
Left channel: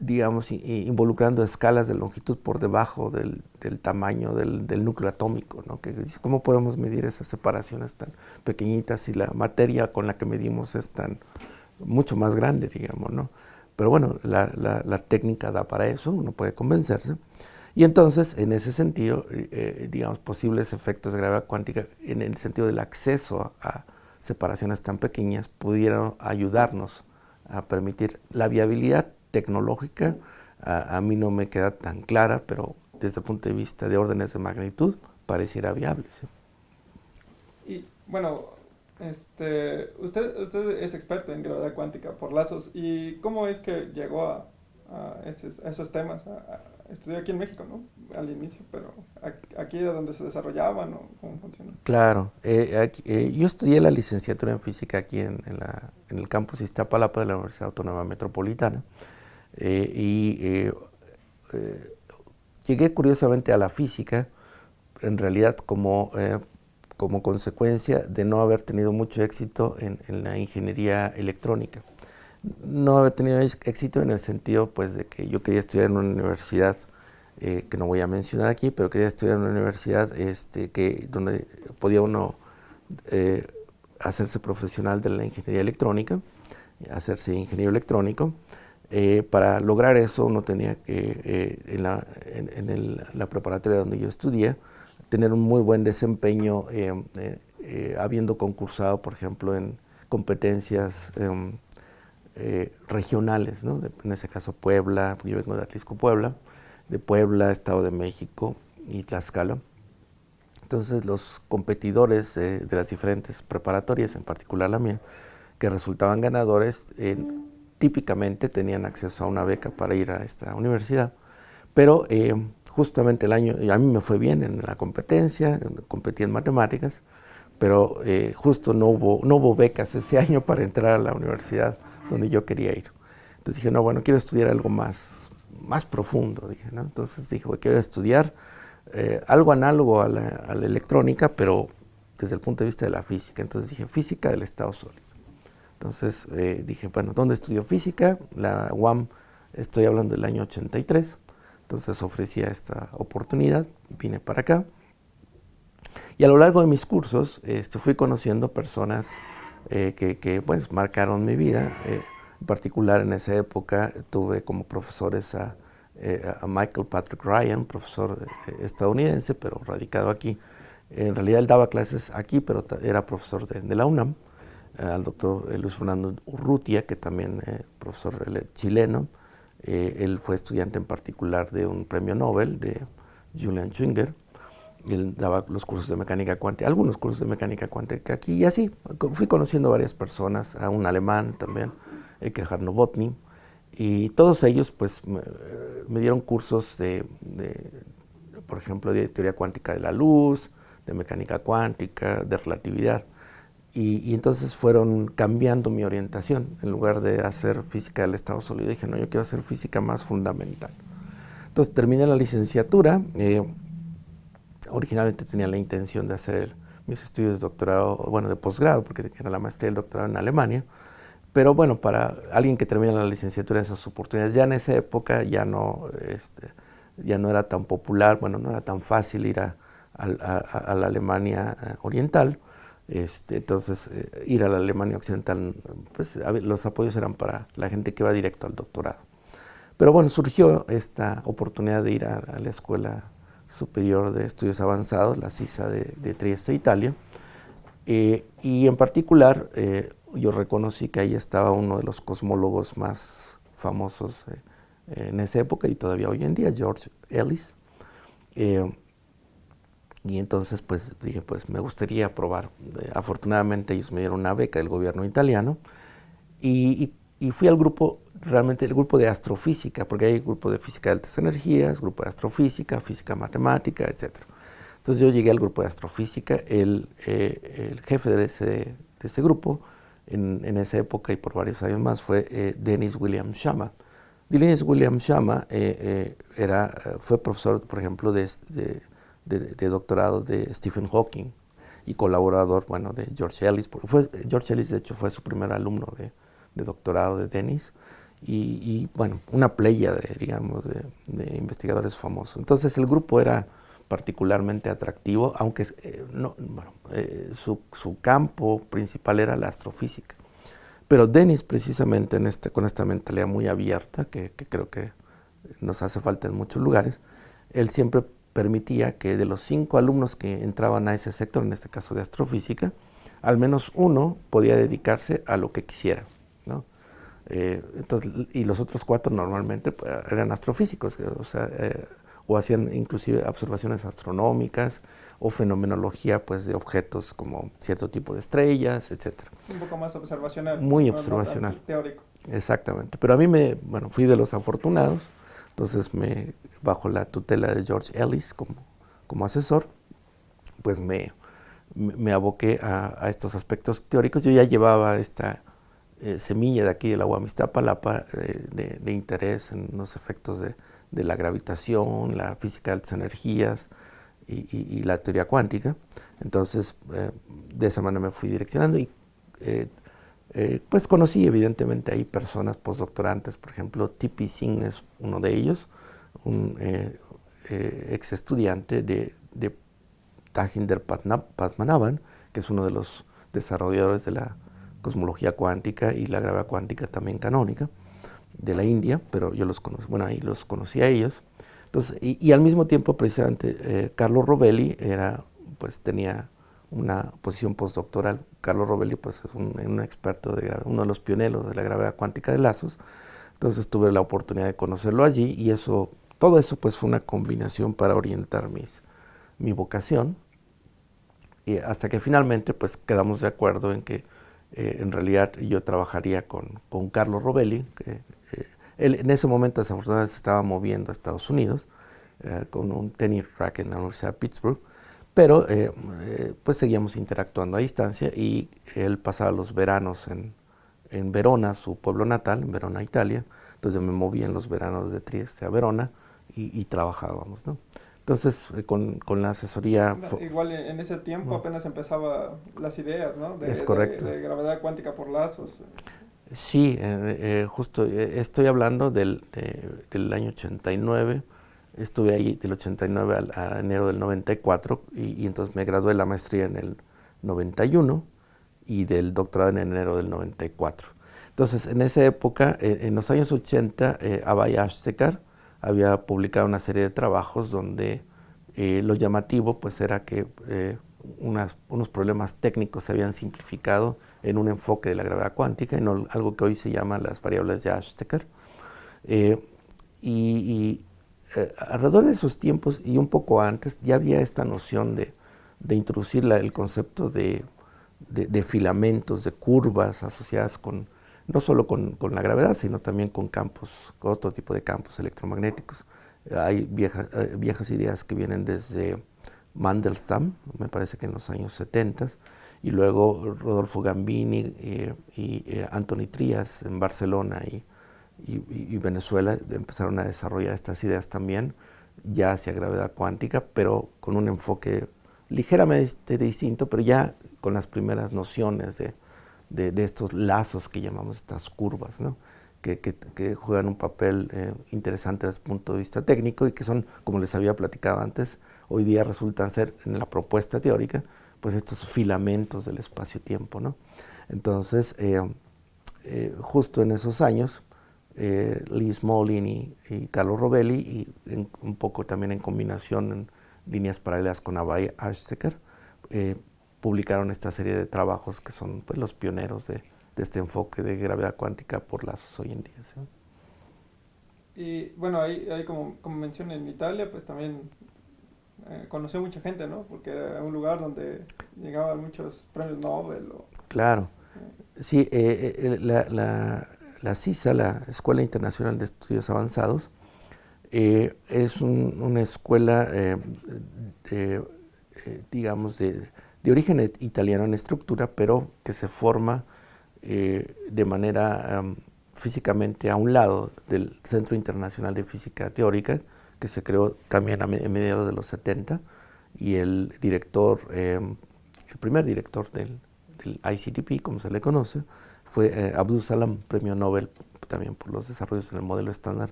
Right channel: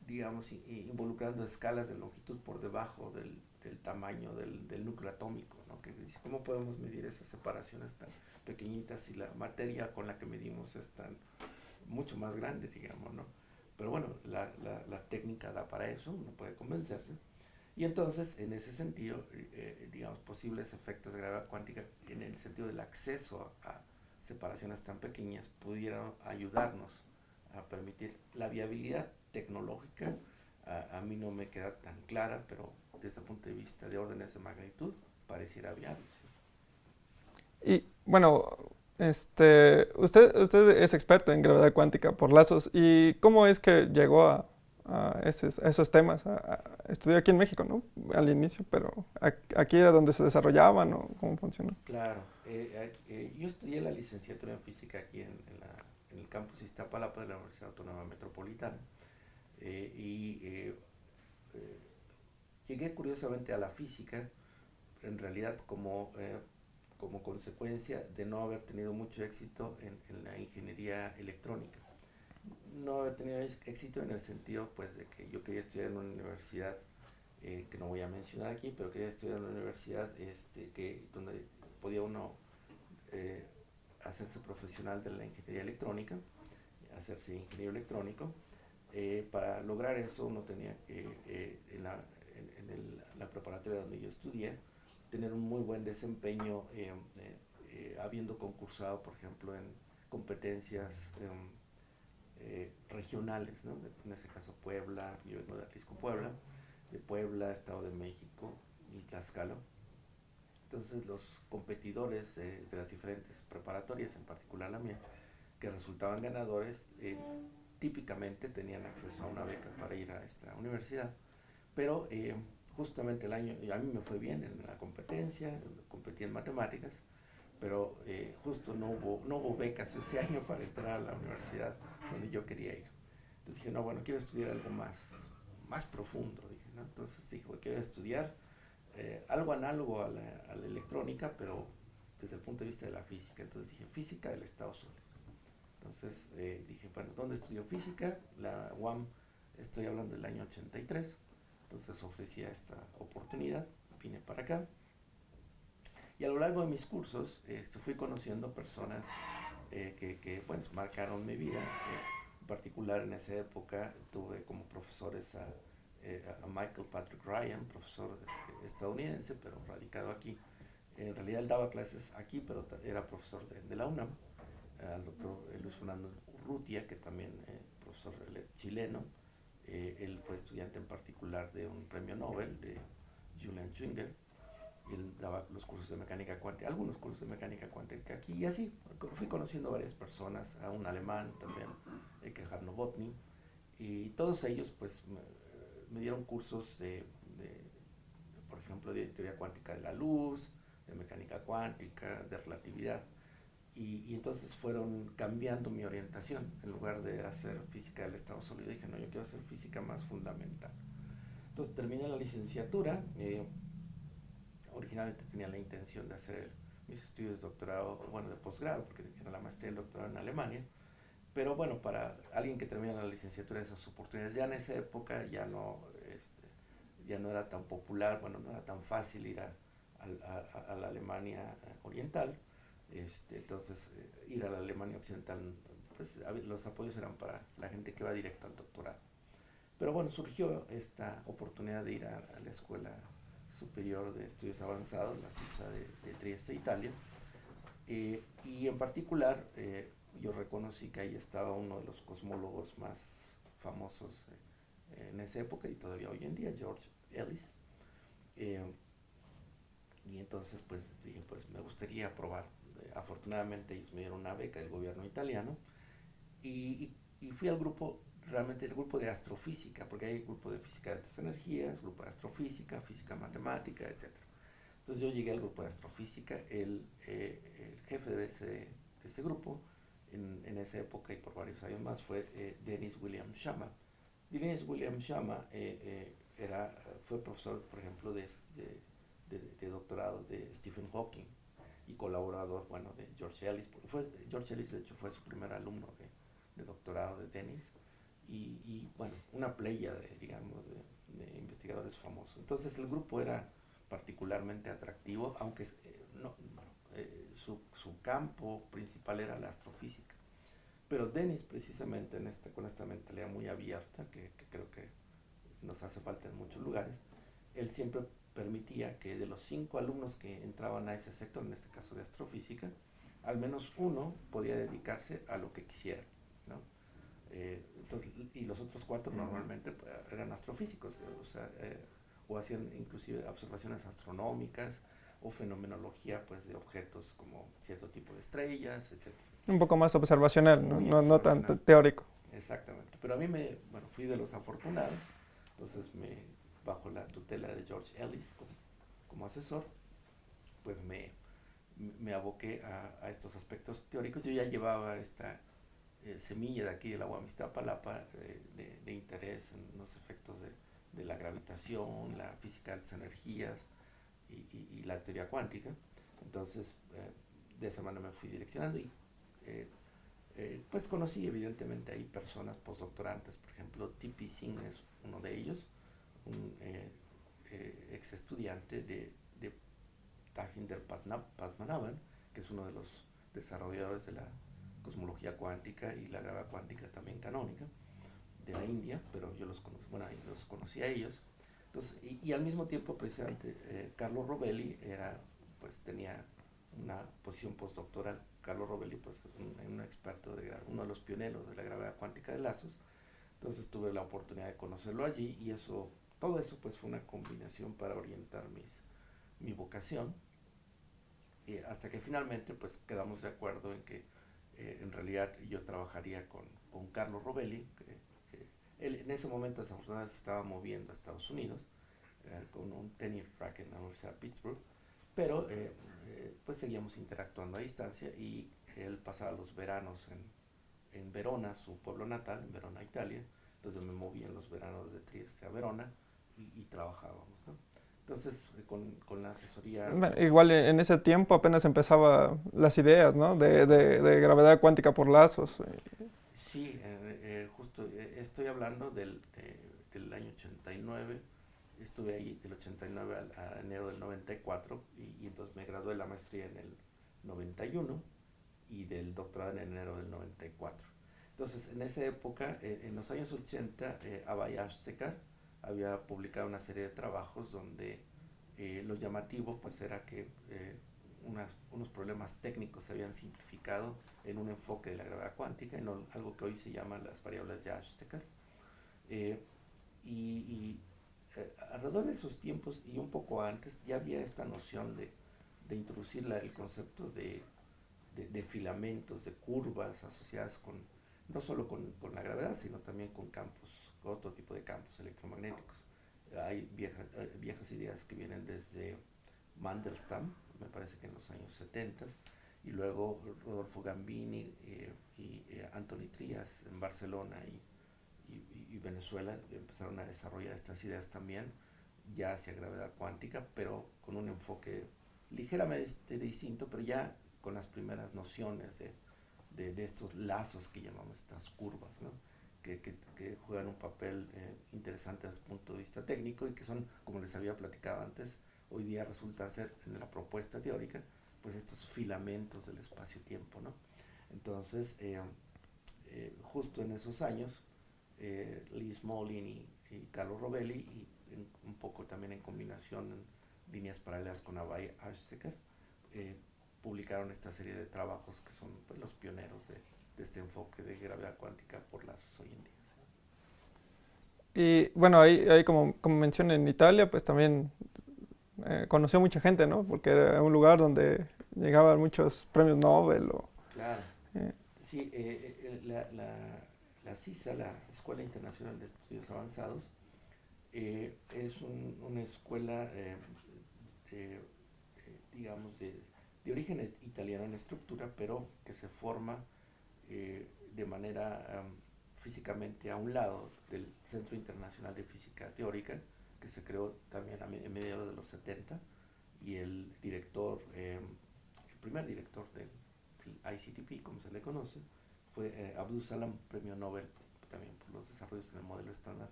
digamos, involucrando escalas de longitud por debajo del tamaño del núcleo atómico, ¿no? ¿Cómo podemos medir esas separaciones tan pequeñitas si la materia con la que medimos es mucho más grande, digamos, ¿no? Pero bueno, la técnica da para eso, uno puede convencerse. Y entonces, en ese sentido, digamos, posibles efectos de gravedad cuántica en el sentido del acceso a separaciones tan pequeñas pudieran ayudarnos a permitir la viabilidad tecnológica. A mí no me queda tan clara, pero desde el punto de vista de órdenes de magnitud pareciera viable. ¿Sí? Y bueno, usted es experto en gravedad cuántica por lazos. ¿Y cómo es que llegó a esos temas? estudió aquí en México, ¿no? Al inicio, pero aquí era donde se desarrollaban o cómo funcionó. Claro, yo estudié la licenciatura en física aquí en el campus Iztapalapa de la Universidad Autónoma Metropolitana y llegué curiosamente a la física, en realidad como consecuencia de no haber tenido mucho éxito en la ingeniería electrónica. No haber tenido éxito en el sentido pues de que yo quería estudiar en una universidad que no voy a mencionar aquí, pero quería estudiar en una universidad donde podía uno hacerse profesional de la ingeniería electrónica, hacerse ingeniero electrónico. Para lograr eso uno tenía que, la preparatoria donde yo estudié, tener un muy buen desempeño habiendo concursado, por ejemplo, en competencias regionales, ¿no? En ese caso Puebla, yo vengo de Atlisco, Puebla, de Puebla, Estado de México y Tlaxcala. Entonces los competidores de las diferentes preparatorias, en particular la mía, que resultaban ganadores, típicamente tenían acceso a una beca para ir a esta universidad, pero justamente el año, a mí me fue bien en la competencia, competí en matemáticas, pero justo no hubo becas ese año para entrar a la universidad donde yo quería ir. Entonces dije, no, bueno, quiero estudiar algo más profundo, dije, ¿no? Entonces dije, bueno, quiero estudiar algo análogo a la electrónica, pero desde el punto de vista de la física. Entonces dije, física del estado sólido. Entonces dije, bueno, ¿dónde estudio física? La UAM, estoy hablando del año 83, entonces ofrecía esta oportunidad, vine para acá. Y a lo largo de mis cursos fui conociendo personas que pues, marcaron mi vida. En particular en esa época tuve como profesores a Michael Patrick Ryan, profesor estadounidense, pero radicado aquí. En realidad él daba clases aquí, pero era profesor de la UNAM. Al doctor Luis Fernando Urrutia, que también profesor chileno. Él fue estudiante en particular de un premio Nobel de Julian Schwinger. Él daba los cursos de mecánica cuántica, algunos cursos de mecánica cuántica aquí, y así fui conociendo a varias personas, a un alemán también, Gerhard Nowotny, y todos ellos pues me dieron cursos por ejemplo, de teoría cuántica de la luz, de mecánica cuántica, de relatividad, y entonces fueron cambiando mi orientación. En lugar de hacer física del estado sólido, dije, no, yo quiero hacer física más fundamental. Entonces terminé la licenciatura. Originalmente tenía la intención de hacer mis estudios de doctorado, bueno, de posgrado, porque era la maestría y el doctorado en Alemania. Pero bueno, para alguien que termina la licenciatura, esas oportunidades, ya en esa época ya no era tan popular, bueno, no era tan fácil ir a la Alemania oriental. Entonces, ir a la Alemania occidental, pues los apoyos eran para la gente que va directo al doctorado. Pero bueno, surgió esta oportunidad de ir a la Escuela Superior de Estudios Avanzados, la SISA de Trieste, Italia, y en particular yo reconocí que ahí estaba uno de los cosmólogos más famosos en esa época y todavía hoy en día, George Ellis. Y entonces pues dije, pues me gustaría probar. Afortunadamente ellos me dieron una beca del gobierno italiano y fui al grupo, realmente el grupo de astrofísica, porque hay grupo de física de altas energías, grupo de astrofísica, física matemática, etc. Entonces yo llegué al grupo de astrofísica, el jefe de ese grupo en esa época y por varios años más fue Dennis William Sciama. Dennis William Sciama fue profesor, por ejemplo, de doctorado de Stephen Hawking y colaborador, bueno, de George Ellis. George Ellis, de hecho, fue su primer alumno de doctorado de Dennis y bueno, una playa digamos, de investigadores famosos. Entonces el grupo era particularmente atractivo, aunque su campo principal era la astrofísica. Pero Dennis, precisamente con esta mentalidad muy abierta, que creo que nos hace falta en muchos lugares, él siempre permitía que de los 5 alumnos que entraban a ese sector, en este caso de astrofísica, al menos uno podía dedicarse a lo que quisiera, ¿no? Entonces, y los otros 4 normalmente pues, eran astrofísicos, o hacían inclusive observaciones astronómicas o fenomenología pues, de objetos como cierto tipo de estrellas, etc. Un poco más observacional, muy no observacional. tanto teórico. Exactamente, pero a mí fui de los afortunados Entonces, bajo la tutela de George Ellis como asesor, pues me aboqué a estos aspectos teóricos. Yo ya llevaba esta semilla de aquí de la UAM Iztapalapa de interés en los efectos de la gravitación, la física de altas energías y la teoría cuántica. Entonces, de esa manera me fui direccionando y pues conocí evidentemente ahí personas postdoctorantes, por ejemplo, T.P. Singh es uno de ellos, un ex estudiante de Tajinder Padmanabhan, que es uno de los desarrolladores de la cosmología cuántica y la gravedad cuántica también canónica de la India, pero yo los conocí, bueno, ahí los conocí a ellos. Entonces, y al mismo tiempo, precisamente, Carlo Rovelli pues tenía una posición postdoctoral. Carlo Rovelli pues, es un experto, uno de los pioneros de la gravedad cuántica de lazos. Entonces tuve la oportunidad de conocerlo allí y todo eso pues fue una combinación para orientar mi vocación. Y hasta que finalmente pues quedamos de acuerdo en que en realidad yo trabajaría con Carlo Rovelli, que él en ese momento desafortunadamente se estaba moviendo a Estados Unidos con un tenure track en la Universidad de Pittsburgh, pero pues seguíamos interactuando a distancia y él pasaba los veranos en Verona, su pueblo natal, en Verona, Italia. Entonces me movía en los veranos de Trieste a Verona y trabajábamos, ¿no? Entonces, con la asesoría... Igual en ese tiempo apenas empezaba las ideas, ¿no? Es correcto. De gravedad cuántica por lazos. Sí, justo estoy hablando del año 89. Estuve ahí del 89 a enero del 94 y entonces me gradué de la maestría en el 91 y del doctorado en enero del 94. Entonces, en esa época, en los años 80, Abhay Ashtekar había publicado una serie de trabajos donde lo llamativo pues era que unos problemas técnicos se habían simplificado en un enfoque de la gravedad cuántica, en algo que hoy se llama las variables de Ashtekar. Alrededor de esos tiempos y un poco antes ya había esta noción de introducir el concepto de filamentos, de curvas asociadas no solo con la gravedad, sino también con otro tipo de campos electromagnéticos. Hay viejas ideas que vienen desde Mandelstam, me parece que en los años 70, y luego Rodolfo Gambini y Anthony Trias en Barcelona y Venezuela empezaron a desarrollar estas ideas también, ya hacia gravedad cuántica, pero con un enfoque ligeramente distinto, pero ya con las primeras nociones de estos lazos que llamamos estas curvas, ¿no? que juegan un papel interesante desde el punto de vista técnico y que son, como les había platicado antes, hoy día resultan ser en la propuesta teórica, pues estos filamentos del espacio-tiempo, ¿no? Entonces, justo en esos años, Lee Smolin y Carlo Rovelli, y un poco también en combinación en líneas paralelas con Abhay Ashtekar, publicaron esta serie de trabajos que son pues, los pioneros de este enfoque de gravedad cuántica por lazos hoy en día, ¿sí? Y bueno, ahí como mencioné en Italia, pues también conoció mucha gente, ¿no? Porque era un lugar donde llegaban muchos premios Nobel. Claro. Sí, la CISA, la Escuela Internacional de Estudios Avanzados, es una escuela, digamos, de origen italiano en estructura, pero que se forma de manera físicamente a un lado del Centro Internacional de Física Teórica, que se creó también a mediados de los 70, y el primer director del ICTP, como se le conoce, fue Abdus Salam, premio Nobel también por los desarrollos en el modelo estándar,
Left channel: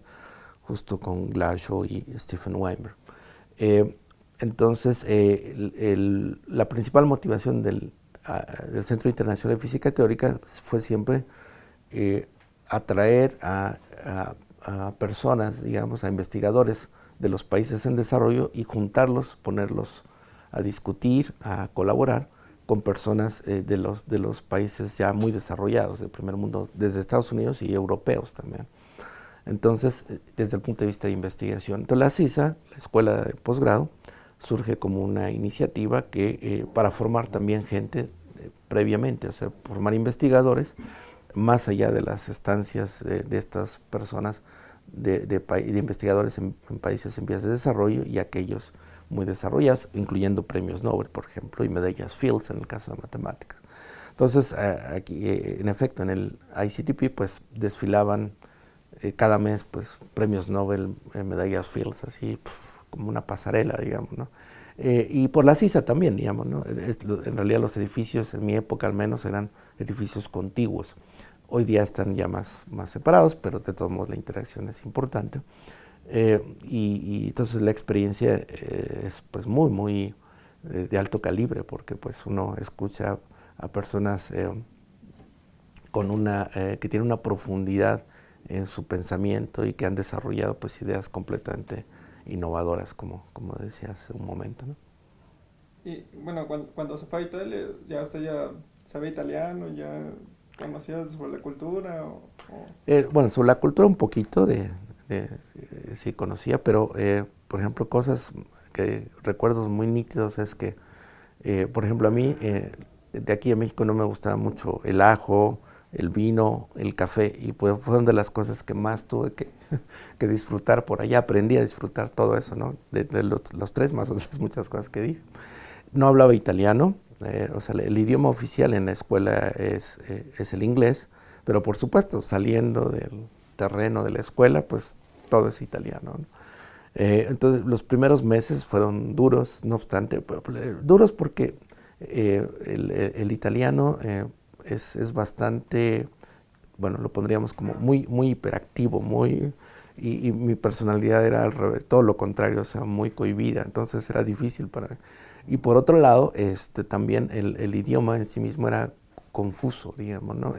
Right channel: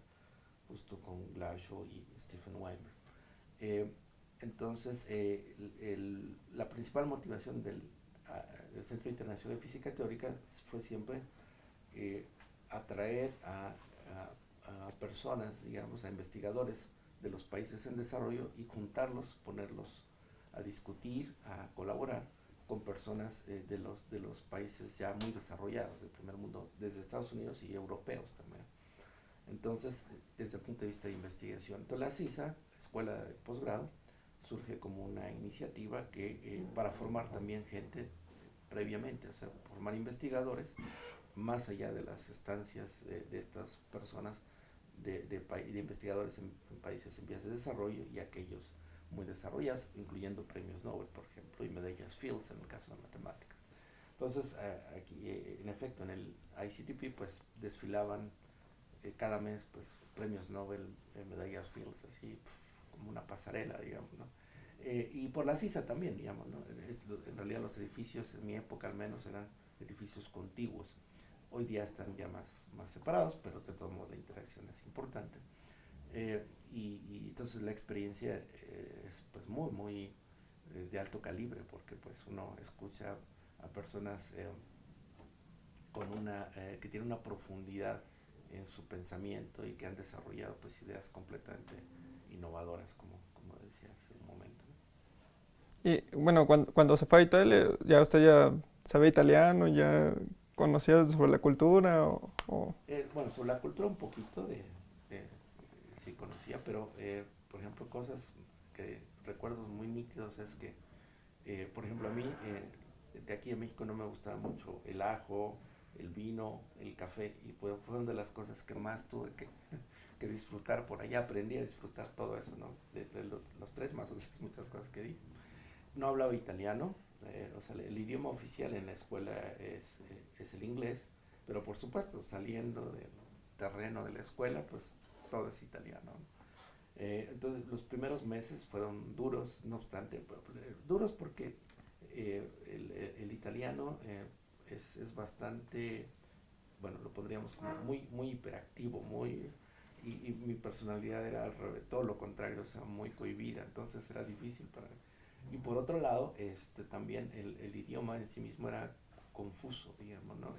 justo con Glashow y Stephen Weinberg. Entonces, la principal motivación del Centro Internacional de Física Teórica fue siempre atraer a personas, digamos, a investigadores de los países en desarrollo y juntarlos, ponerlos a discutir, a colaborar con personas de los países ya muy desarrollados del primer mundo, desde Estados Unidos y europeos también. Entonces, desde el punto de vista de investigación, entonces la CISA, la Escuela de Posgrado, surge como una iniciativa para formar también gente previamente, o sea, formar investigadores más allá de las estancias de estas personas de investigadores en países en vías de desarrollo y aquellos muy desarrollados, incluyendo premios Nobel, por ejemplo, y medallas Fields en el caso de matemáticas. Entonces, aquí, en efecto, en el ICTP, pues desfilaban cada mes, pues premios Nobel, medallas Fields, así, como una pasarela, digamos, ¿no? Y por la CISA también, digamos, ¿no? En realidad los edificios, en mi época al menos, eran edificios contiguos. Hoy día están ya más separados, pero de todos modos la interacción es importante. Y entonces la experiencia es pues muy de alto calibre, porque pues uno escucha a personas que tienen una profundidad en su pensamiento y que han desarrollado pues ideas completamente innovadoras, como decía hace un momento, ¿no? Y bueno, cuando se fue a Italia, ya usted ya sabía italiano, ya conocía sobre la cultura Bueno, sobre la cultura un poquito sí conocía, pero por ejemplo recuerdos muy nítidos es que, por ejemplo, a mí de aquí a México no me gustaba mucho el ajo, el vino, el café, y pues fueron de las cosas que más tuve que disfrutar por allá. Aprendí a disfrutar todo eso, ¿no? De los tres más otras muchas cosas que dije. No hablaba italiano, o sea, el idioma oficial en la escuela es el inglés, pero por supuesto, saliendo del terreno de la escuela, pues todo es italiano, ¿no? Entonces, los primeros meses fueron duros, no obstante, duros porque el italiano es bastante, bueno, lo pondríamos como muy hiperactivo, y mi personalidad era al revés, todo lo contrario, o sea, muy cohibida, entonces era difícil para mí. Y por otro lado, también el idioma en sí mismo era confuso, digamos, ¿no?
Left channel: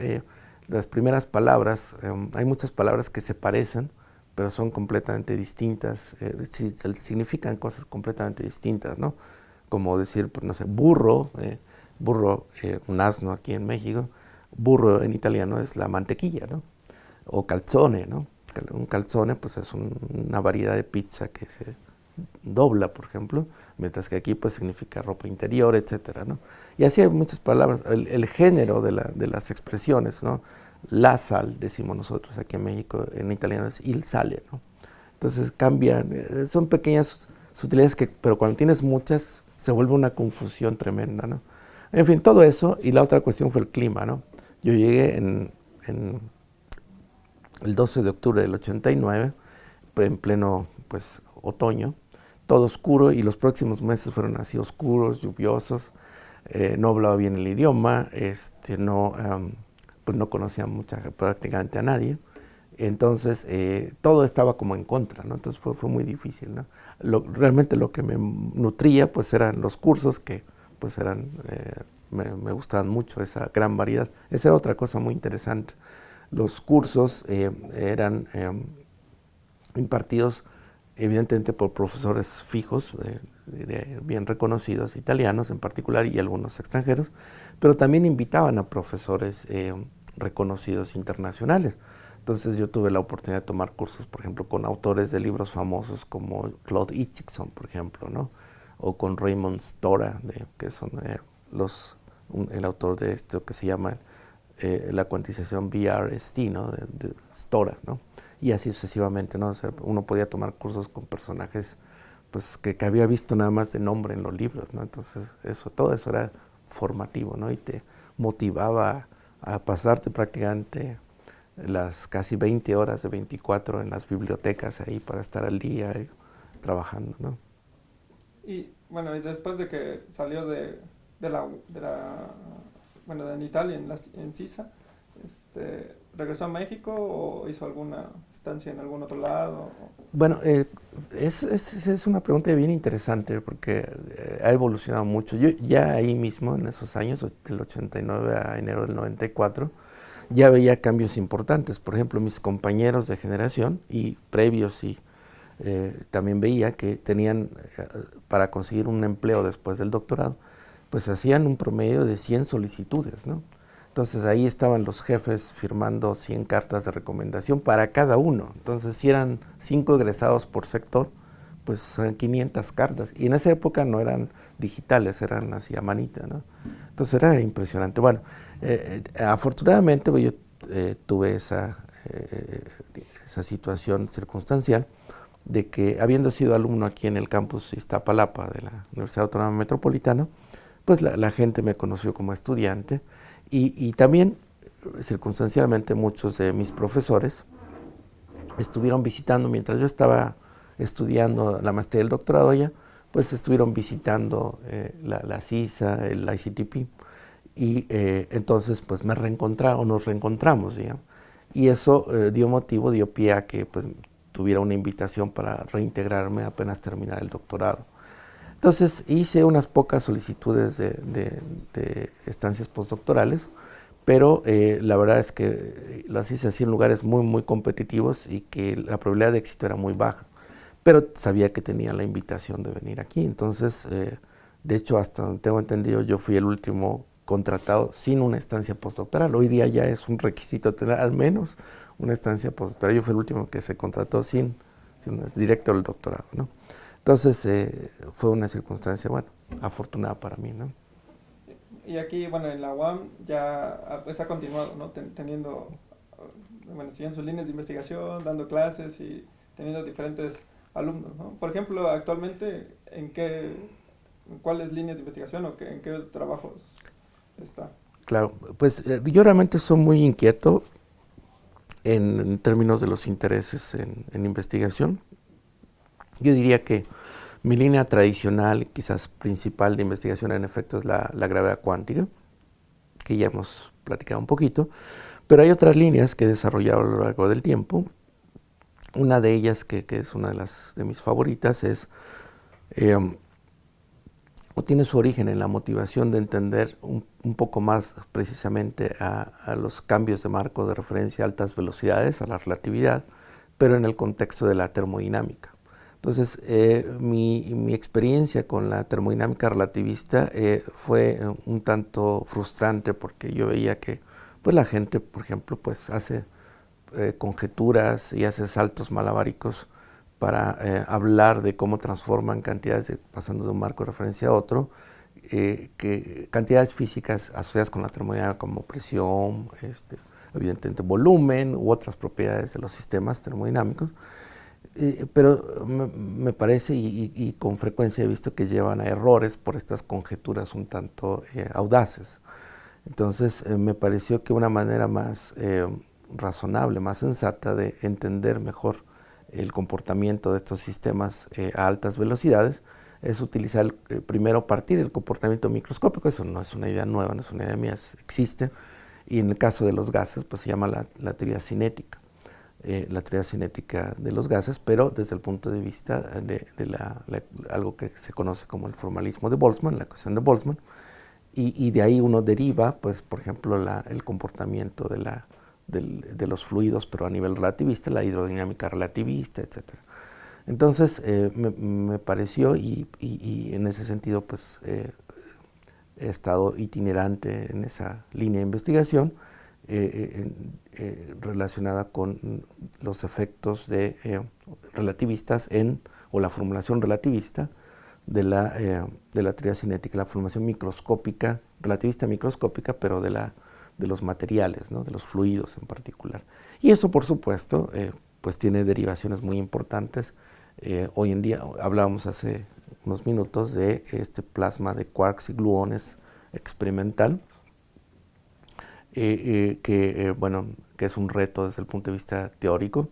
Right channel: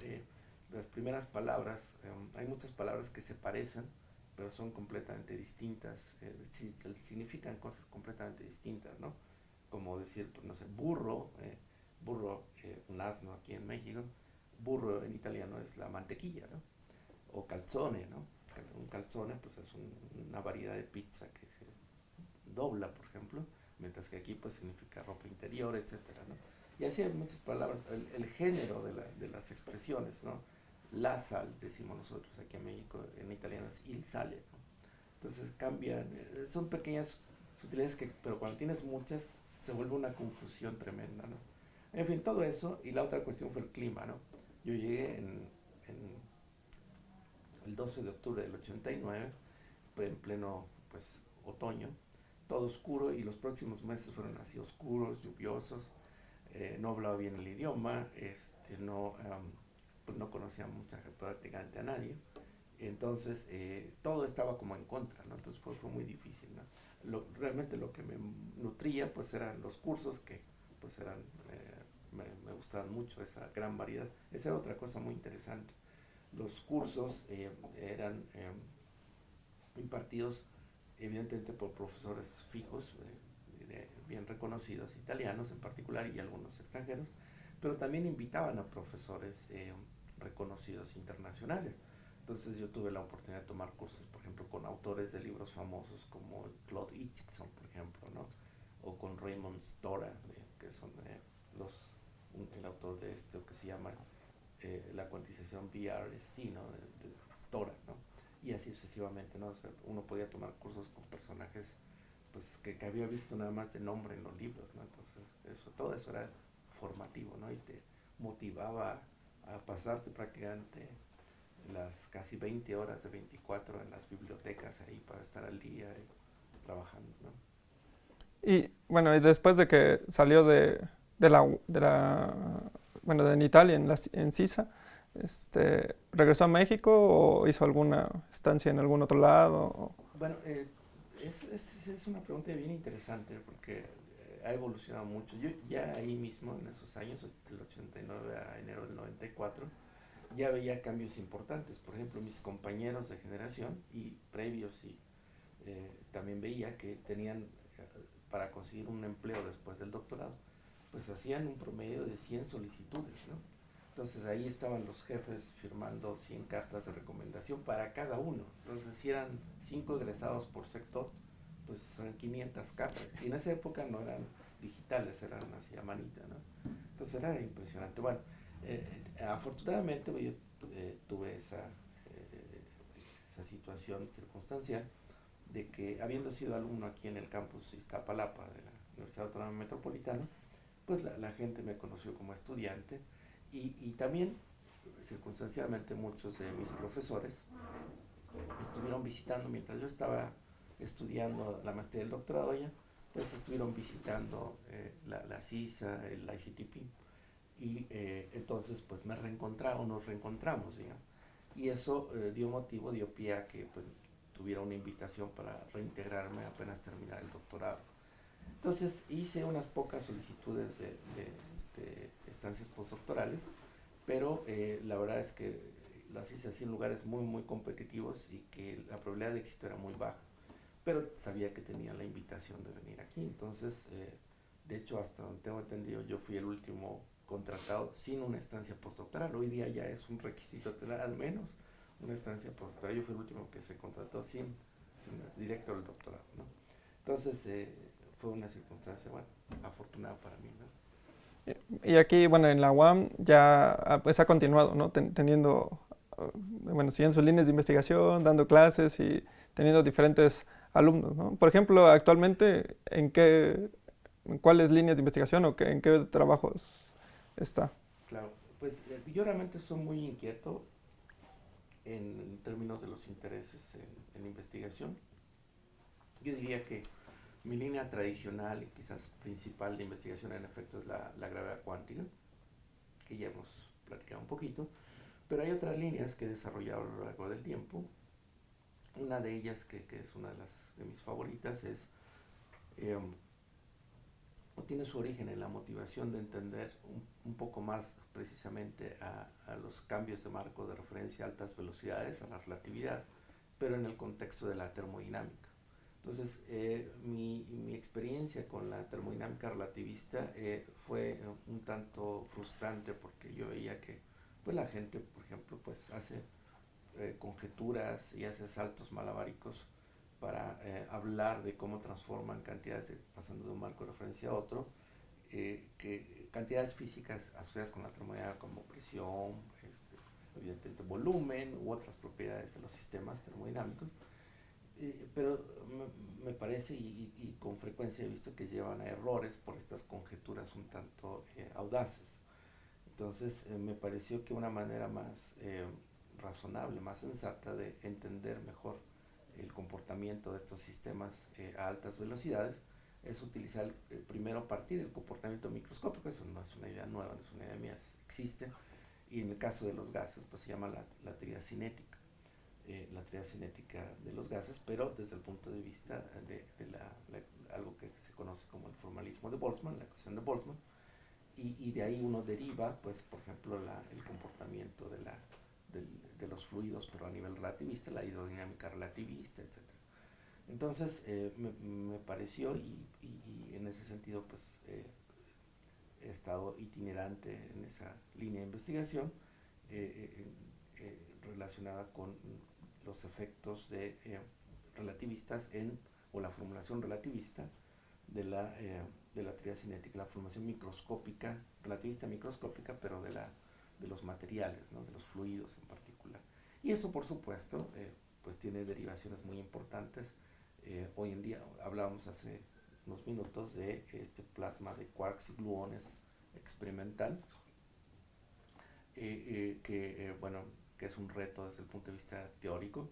Las primeras palabras, hay muchas palabras que se parecen, pero son completamente distintas, significan cosas completamente distintas, ¿no? Como decir, pues, no sé, burro, un asno aquí en México, burro en italiano es la mantequilla, ¿no? O calzone, ¿no? Un calzone pues es una variedad de pizza que se dobla, por ejemplo, mientras que aquí pues significa ropa interior, etcétera, ¿no? Y así hay muchas palabras, el género de las expresiones, ¿no? La sal, decimos nosotros aquí en México, en italiano es il sale, ¿no? Entonces cambian, son pequeñas sutilezas pero cuando tienes muchas se vuelve una confusión tremenda, ¿no? En fin, todo eso, y la otra cuestión fue el clima, ¿no? Yo llegué en el 12 de octubre del 89, en pleno pues otoño, todo oscuro, y los próximos meses fueron así oscuros, lluviosos. No hablaba bien el idioma, pues no conocía prácticamente a nadie. Entonces todo estaba como en contra, ¿no? Entonces fue muy difícil, ¿no? Realmente lo que me nutría pues eran los cursos que pues me gustaban mucho, esa gran variedad. Esa era otra cosa muy interesante. Los cursos eran impartidos evidentemente por profesores fijos, bien reconocidos, italianos en particular y algunos extranjeros, pero también invitaban a profesores reconocidos internacionales. Entonces yo tuve la oportunidad de tomar cursos, por ejemplo, con autores de libros famosos como Claude Itzigson, por ejemplo, ¿no? O con Raymond Stora, que son el autor de esto que se llama la cuantización VRST, ¿no? de Stora, ¿no? Y así sucesivamente, ¿no? O sea, uno podía tomar cursos con personajes pues, que había visto nada más de nombre en los libros, ¿no? Entonces, todo eso era formativo, ¿no? Y te motivaba a pasarte prácticamente las casi 20 horas de 24 en las bibliotecas ahí para estar al día trabajando, ¿no? y bueno, y después de que salió bueno, de en Italia, en Sisa, ¿regresó a México o hizo alguna estancia en algún otro lado? Bueno, es una pregunta bien interesante porque ha evolucionado mucho. Yo ya ahí mismo, en esos años, del 89 a enero del 94, ya veía cambios importantes. Por ejemplo, mis compañeros de generación y previos, y también veía que tenían, para conseguir un empleo después del doctorado, pues hacían un promedio de 100 solicitudes, ¿no? Entonces ahí estaban los jefes firmando 100 cartas de recomendación para cada uno. Entonces si eran 5 egresados por sector, pues son 500 cartas. Y en esa época no eran digitales, eran así a manita, ¿no? Entonces era impresionante. Bueno, afortunadamente pues, yo tuve esa esa situación circunstancial de que, habiendo sido alumno aquí en el campus Iztapalapa de la Universidad Autónoma Metropolitana, pues la gente me conoció como estudiante y también circunstancialmente muchos de mis profesores estuvieron visitando, mientras yo estaba estudiando la maestría y el doctorado allá, pues estuvieron visitando la CISA, el ICTP, y entonces pues me reencontraron, nos reencontramos, digamos, y eso dio pie a que pues tuviera una invitación para reintegrarme apenas terminar el doctorado. Entonces hice unas pocas solicitudes de estancias postdoctorales, pero la verdad es que las hice así en lugares muy, muy competitivos y que la probabilidad de éxito era muy baja. Pero sabía que tenía la invitación de venir aquí. Entonces, de hecho, hasta donde tengo entendido, yo fui el último contratado sin una estancia postdoctoral. Hoy día ya es un requisito tener al menos una estancia postdoctoral. Yo fui el último que se contrató sin directo del doctorado, ¿no? Entonces, fue una circunstancia, bueno, afortunada para mí, ¿no? Y aquí, bueno, en la UAM ya pues ha continuado, ¿no? Teniendo, bueno, siguiendo sus líneas de investigación, dando clases y teniendo diferentes alumnos, ¿no? Por ejemplo, actualmente, en cuáles líneas de investigación o en qué trabajos está? Claro, pues yo realmente soy muy inquieto en términos de los intereses en investigación. Yo diría que mi línea tradicional, quizás principal de investigación en efecto es la gravedad cuántica, que ya hemos platicado un poquito, pero hay otras líneas que he desarrollado a lo largo del tiempo. Una de ellas, que es una de mis favoritas, o tiene su origen en la motivación de entender un poco más precisamente a los cambios de marco de referencia a altas velocidades, a la relatividad, pero en el contexto de la termodinámica. Entonces, mi experiencia con la termodinámica relativista fue un tanto frustrante porque yo veía que pues, la gente, por ejemplo, pues, hace conjeturas y hace saltos malabáricos para hablar de cómo transforman cantidades, pasando de un marco de referencia a otro, cantidades físicas asociadas con la termodinámica como presión, evidentemente volumen u otras propiedades de los sistemas termodinámicos. Pero me parece y con frecuencia he visto que llevan a errores por estas conjeturas un tanto audaces. Entonces me pareció que una manera más razonable, más sensata de entender mejor el comportamiento de estos sistemas a altas velocidades es utilizar primero partir del comportamiento microscópico. Eso no es una idea nueva, no es una idea mía, existe, y en el caso de los gases pues se llama la teoría cinética. La teoría cinética de los gases, pero desde el punto de vista de algo que se conoce como el formalismo de Boltzmann, la ecuación de Boltzmann, y de ahí uno deriva, pues, por ejemplo, el comportamiento de los fluidos, pero a nivel relativista, la hidrodinámica relativista, etc. Entonces, me pareció, y en ese sentido, pues, he estado itinerante en esa línea de investigación, relacionada con los efectos relativistas o la formulación relativista de la teoría cinética, la formulación microscópica, relativista microscópica, pero de los materiales, ¿no? De los fluidos en particular. Y eso, por supuesto, pues tiene derivaciones muy importantes. Hoy en día, hablábamos hace unos minutos de este plasma de quarks y gluones experimental, bueno, que es un reto desde el punto de vista teórico,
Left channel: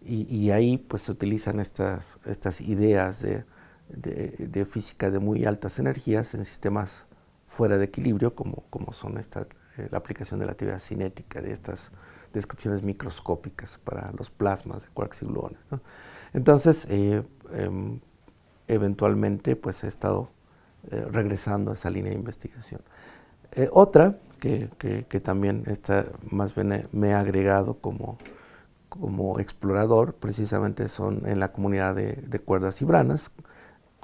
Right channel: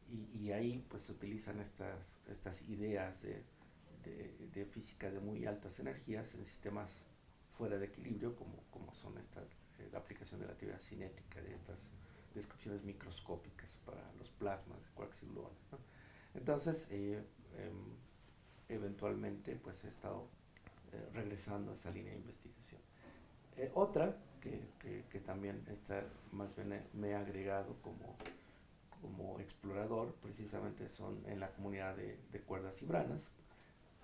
y ahí pues se utilizan estas ideas de física de muy altas energías en sistemas fuera de equilibrio, como son la aplicación de la teoría cinética, de estas descripciones microscópicas para los plasmas de quarks y gluones, ¿no? Entonces, eventualmente pues he estado regresando a esa línea de investigación. Otra que también más bien me ha agregado como explorador, precisamente son en la comunidad de cuerdas y branas,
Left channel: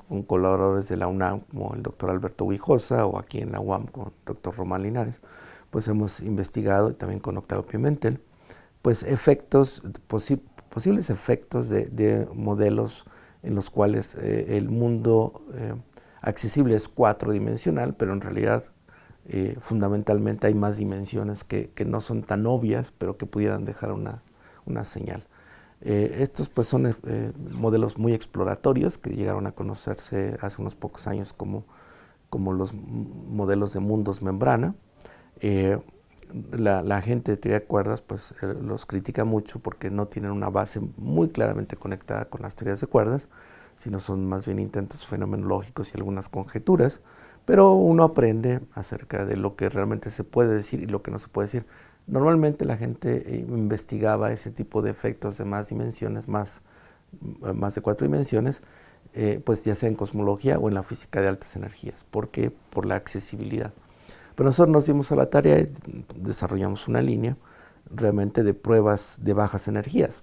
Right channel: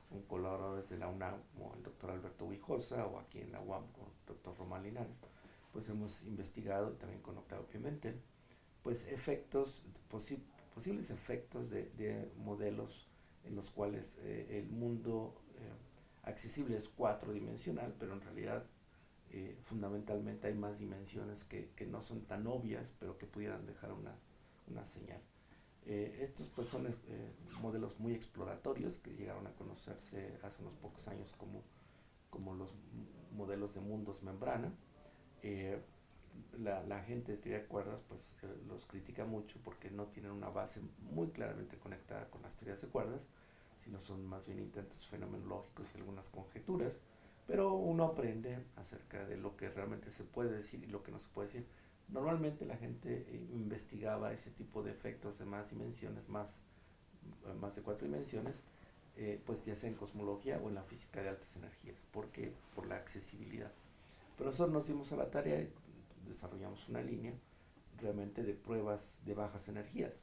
con colaboradores de la UNAM como el doctor Alberto Guijosa, o aquí en la UAM con el doctor Román Linares. Pues hemos investigado, y también con Octavio Pimentel, pues posibles efectos de modelos en los cuales el mundo accesible es cuatrodimensional, pero en realidad fundamentalmente hay más dimensiones que no son tan obvias, pero que pudieran dejar una señal. Estos pues son modelos muy exploratorios que llegaron a conocerse hace unos pocos años como los modelos de mundos membrana. La gente de teoría de cuerdas pues los critica mucho porque no tienen una base muy claramente conectada con las teorías de cuerdas, sino son más bien intentos fenomenológicos y algunas conjeturas, pero uno aprende acerca de lo que realmente se puede decir y lo que no se puede decir. Normalmente la gente investigaba ese tipo de efectos de más dimensiones, más de 4 dimensiones, pues ya sea en cosmología o en la física de altas energías. ¿Por qué? Por la accesibilidad. Pero nosotros nos dimos a la tarea y desarrollamos una línea realmente de pruebas de bajas energías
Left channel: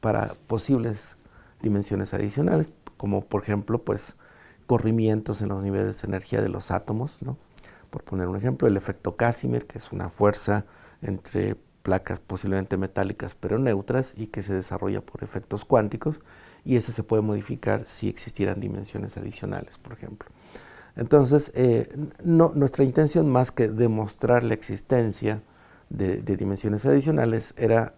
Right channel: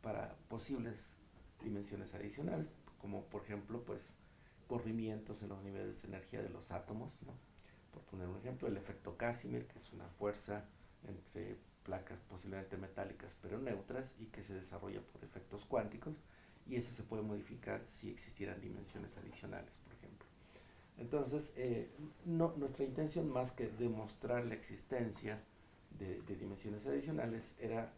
para posibles dimensiones adicionales, como por ejemplo, pues corrimientos en los niveles de energía de los átomos, ¿no? Por poner un ejemplo, el efecto Casimir, que es una fuerza entre placas posiblemente metálicas pero neutras y que se desarrolla por efectos cuánticos, y ese se puede modificar si existieran dimensiones adicionales, por ejemplo. Entonces, nuestra intención, más que demostrar la existencia de dimensiones adicionales, era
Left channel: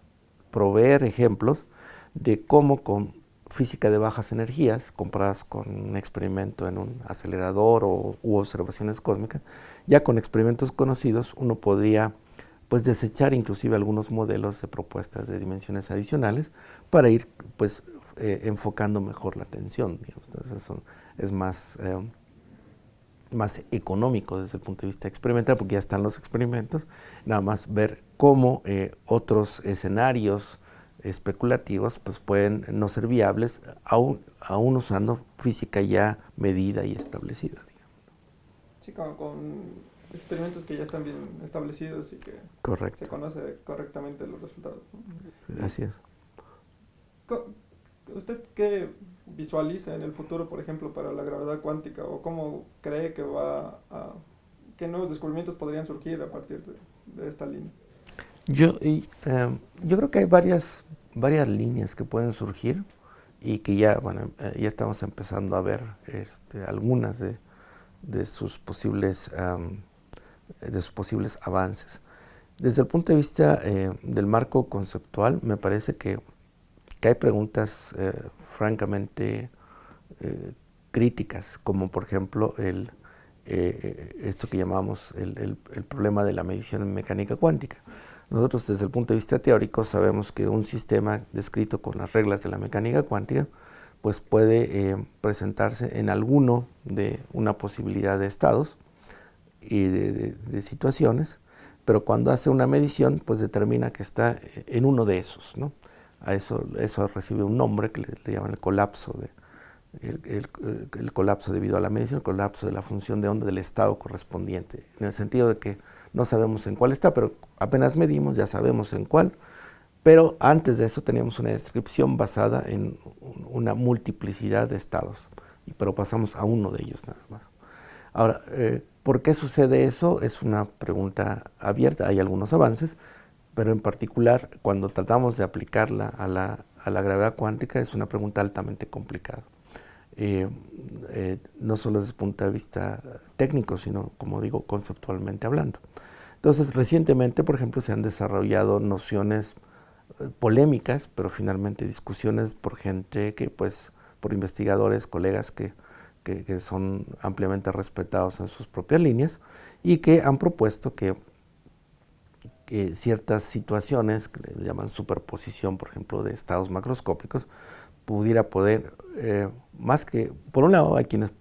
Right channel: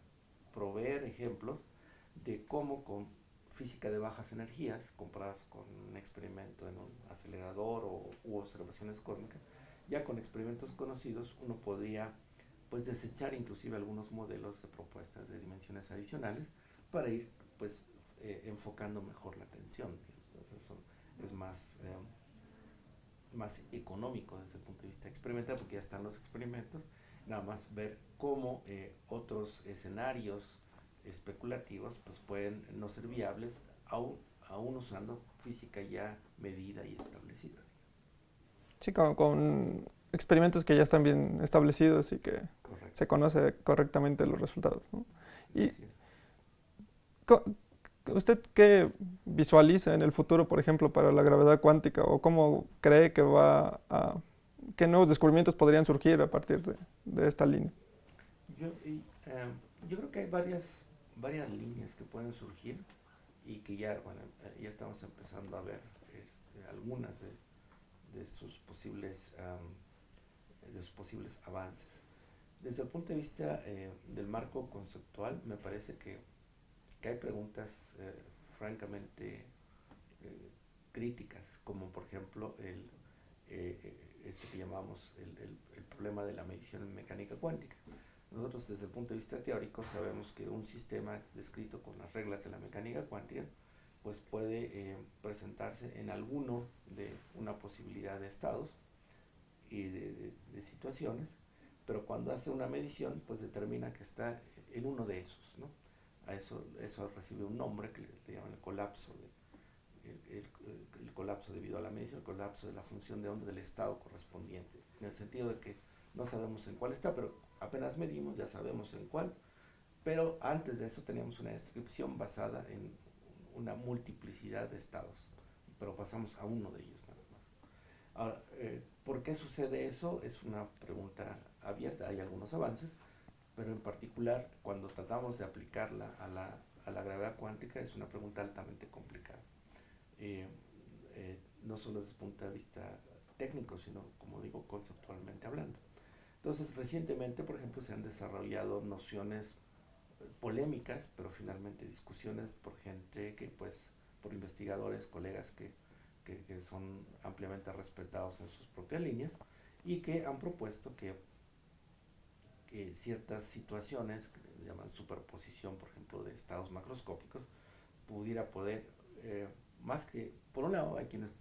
proveer ejemplos de cómo con física de bajas energías, comparadas con un experimento en un acelerador u observaciones cósmicas, ya con experimentos conocidos uno podría pues desechar inclusive algunos modelos de propuestas de dimensiones adicionales para ir pues enfocando mejor la atención, digamos. Entonces eso es más económico desde el punto de vista experimental, porque ya están los experimentos, nada más ver cómo otros escenarios especulativos pues pueden no ser viables aún usando física ya medida y establecida, digamos. Sí, con experimentos que ya están bien establecidos y que Correcto. se conoce correctamente los resultados, ¿no? Así es. ¿Usted qué visualiza en el futuro, por ejemplo, para la gravedad cuántica, o cómo cree que qué nuevos descubrimientos podrían surgir a partir de esta línea? Yo creo que hay varias líneas que pueden surgir y que ya, bueno, ya estamos empezando a ver algunas de sus posibles avances. Desde el punto de vista del marco conceptual, me parece que hay preguntas francamente críticas, como por ejemplo esto que llamamos el problema de la medición en mecánica cuántica. Nosotros desde el punto de vista teórico sabemos que un sistema descrito con las reglas de la mecánica cuántica pues puede presentarse en alguno de una posibilidad de estados y de situaciones, pero cuando hace una medición pues determina que está en uno de esos, ¿no? A eso recibe un nombre que le llaman el colapso, el colapso debido a la medición, el colapso de la función de onda del estado correspondiente, en el sentido de que no sabemos en cuál está, pero apenas medimos ya sabemos en cuál, pero antes de eso teníamos una descripción basada en una multiplicidad de estados, pero pasamos a uno de ellos nada más. Ahora, ¿por qué sucede eso? Es una pregunta abierta, hay algunos avances, pero en particular cuando tratamos de aplicarla a la gravedad cuántica es una pregunta altamente complicada. No solo desde el punto de vista técnico, sino, como digo, conceptualmente hablando. Entonces, recientemente, por ejemplo, se han desarrollado nociones polémicas, pero finalmente discusiones por gente por investigadores, colegas que son ampliamente respetados en sus propias líneas y que han propuesto que ciertas situaciones que le llaman superposición, por ejemplo, de estados macroscópicos, pudiera poder, más que, por un lado hay quienes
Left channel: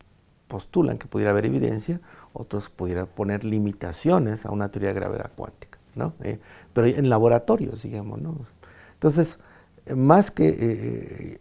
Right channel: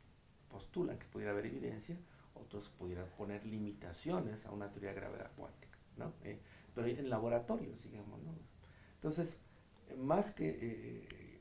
postulan que pudiera haber evidencia, otros pudieran poner limitaciones a una teoría de gravedad cuántica, ¿no? Pero en laboratorios, digamos, ¿no? Entonces, más que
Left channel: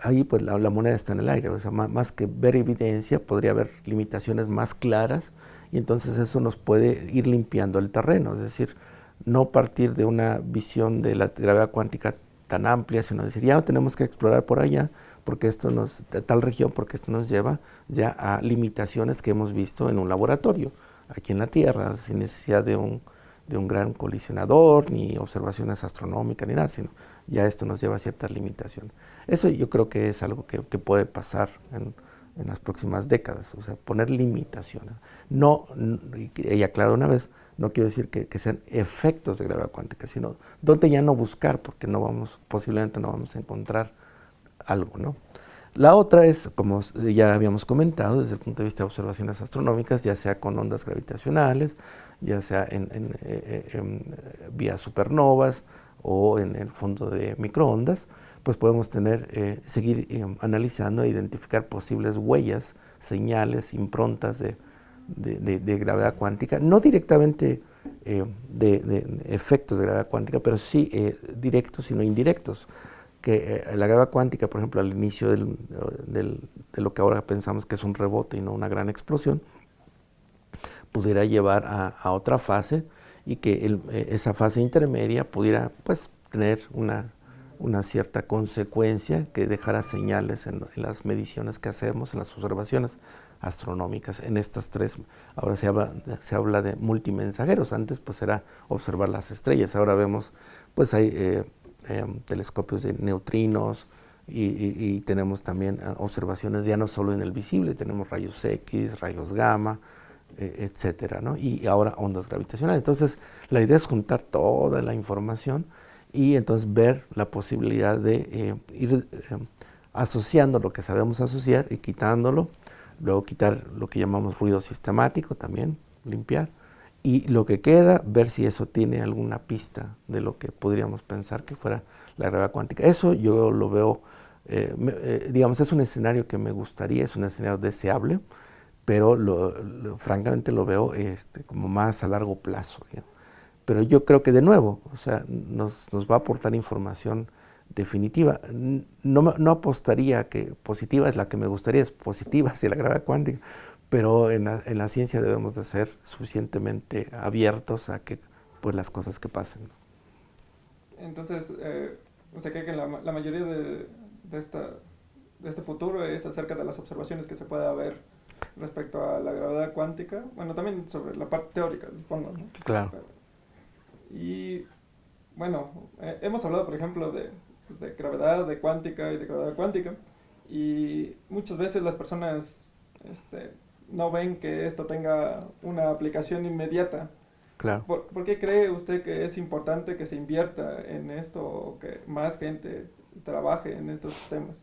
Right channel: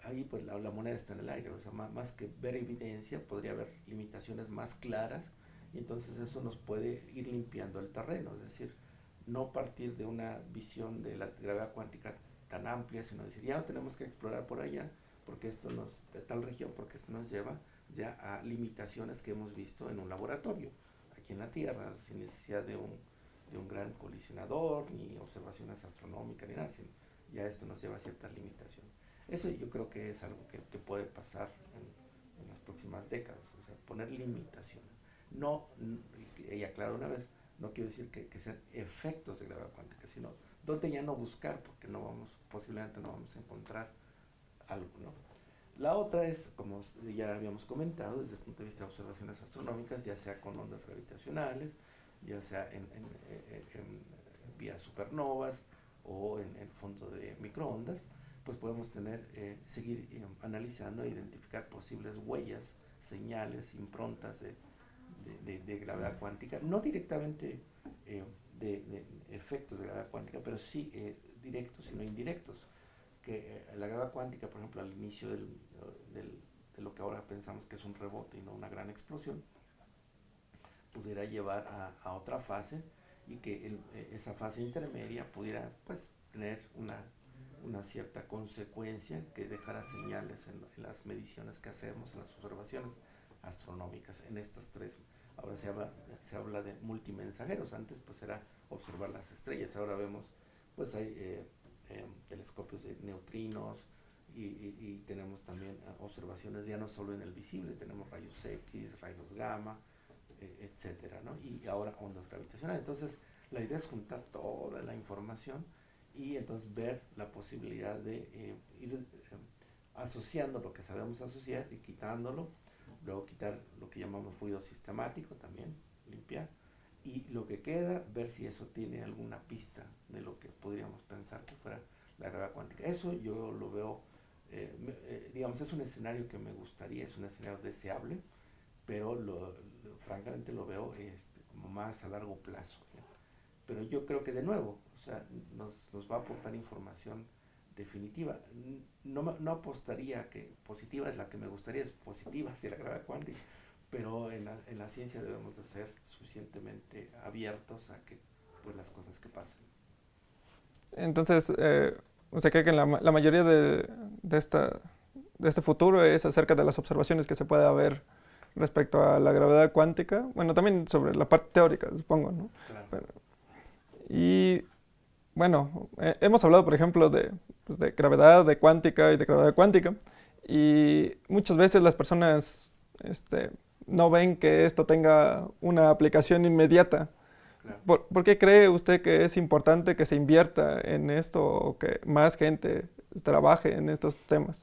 ahí pues la moneda está en el aire, o sea, más que ver evidencia, podría haber limitaciones más claras y entonces eso nos puede ir limpiando el terreno, es decir, no partir de una visión de la gravedad cuántica tan amplia, sino decir, ya no tenemos que explorar por allá, porque de tal región, porque esto nos lleva ya a limitaciones que hemos visto en un laboratorio, aquí en la Tierra, sin necesidad de un gran colisionador, ni observaciones astronómicas, ni nada, sino ya esto nos lleva a ciertas limitaciones. Eso yo creo que es algo que puede pasar en las próximas décadas, o sea, poner limitaciones. No, y aclaro una vez, No quiero decir que sean efectos de gravedad cuántica, sino dónde ya no buscar, porque posiblemente no vamos a encontrar algo, ¿no? La otra es, como ya habíamos comentado, desde el punto de vista de observaciones astronómicas, ya sea con ondas gravitacionales, ya sea vía supernovas o en el fondo de microondas, pues podemos seguir analizando e identificar posibles huellas, señales, improntas de gravedad cuántica, no directamente de efectos de gravedad cuántica, pero sí directos, sino indirectos, que la gravedad cuántica, por ejemplo, al inicio de lo que ahora pensamos que es un rebote y no una gran explosión, pudiera llevar a otra fase y que esa fase intermedia pudiera pues tener una cierta consecuencia que dejara señales en las mediciones que hacemos, en las observaciones astronómicas. En estas tres, ahora se habla de multimensajeros, antes pues era observar las estrellas, ahora vemos pues hay telescopios de neutrinos y tenemos también observaciones ya no solo en el visible, tenemos rayos X, rayos gamma, etcétera, ¿no? Y ahora ondas gravitacionales. Entonces, la idea es juntar toda la información y entonces ver la posibilidad de ir asociando lo que sabemos asociar y quitándolo, luego quitar lo que llamamos ruido sistemático también, limpiar, y lo que queda, ver si eso tiene alguna pista de lo que podríamos pensar que fuera la gravedad cuántica. Eso yo lo veo, digamos, es un escenario que me gustaría, es un escenario deseable, pero francamente lo veo como más a largo plazo, digamos. Pero yo creo que de nuevo, o sea, nos va a aportar información definitiva. No apostaría que positiva es la que me gustaría, es positiva hacia la gravedad cuántica, pero en la ciencia debemos de ser suficientemente abiertos a que pues las cosas que pasen. Entonces, ¿usted cree que la mayoría de este futuro es acerca de las observaciones que se puede haber respecto a la gravedad cuántica? Bueno, también sobre la parte teórica, supongo, ¿no? Claro. Y bueno, hemos hablado, por ejemplo, pues, de gravedad, de cuántica y de gravedad cuántica, y muchas veces las personas no ven que esto tenga una aplicación inmediata. Claro. ¿Por qué cree usted que es importante que se invierta en esto o que más gente trabaje en estos temas?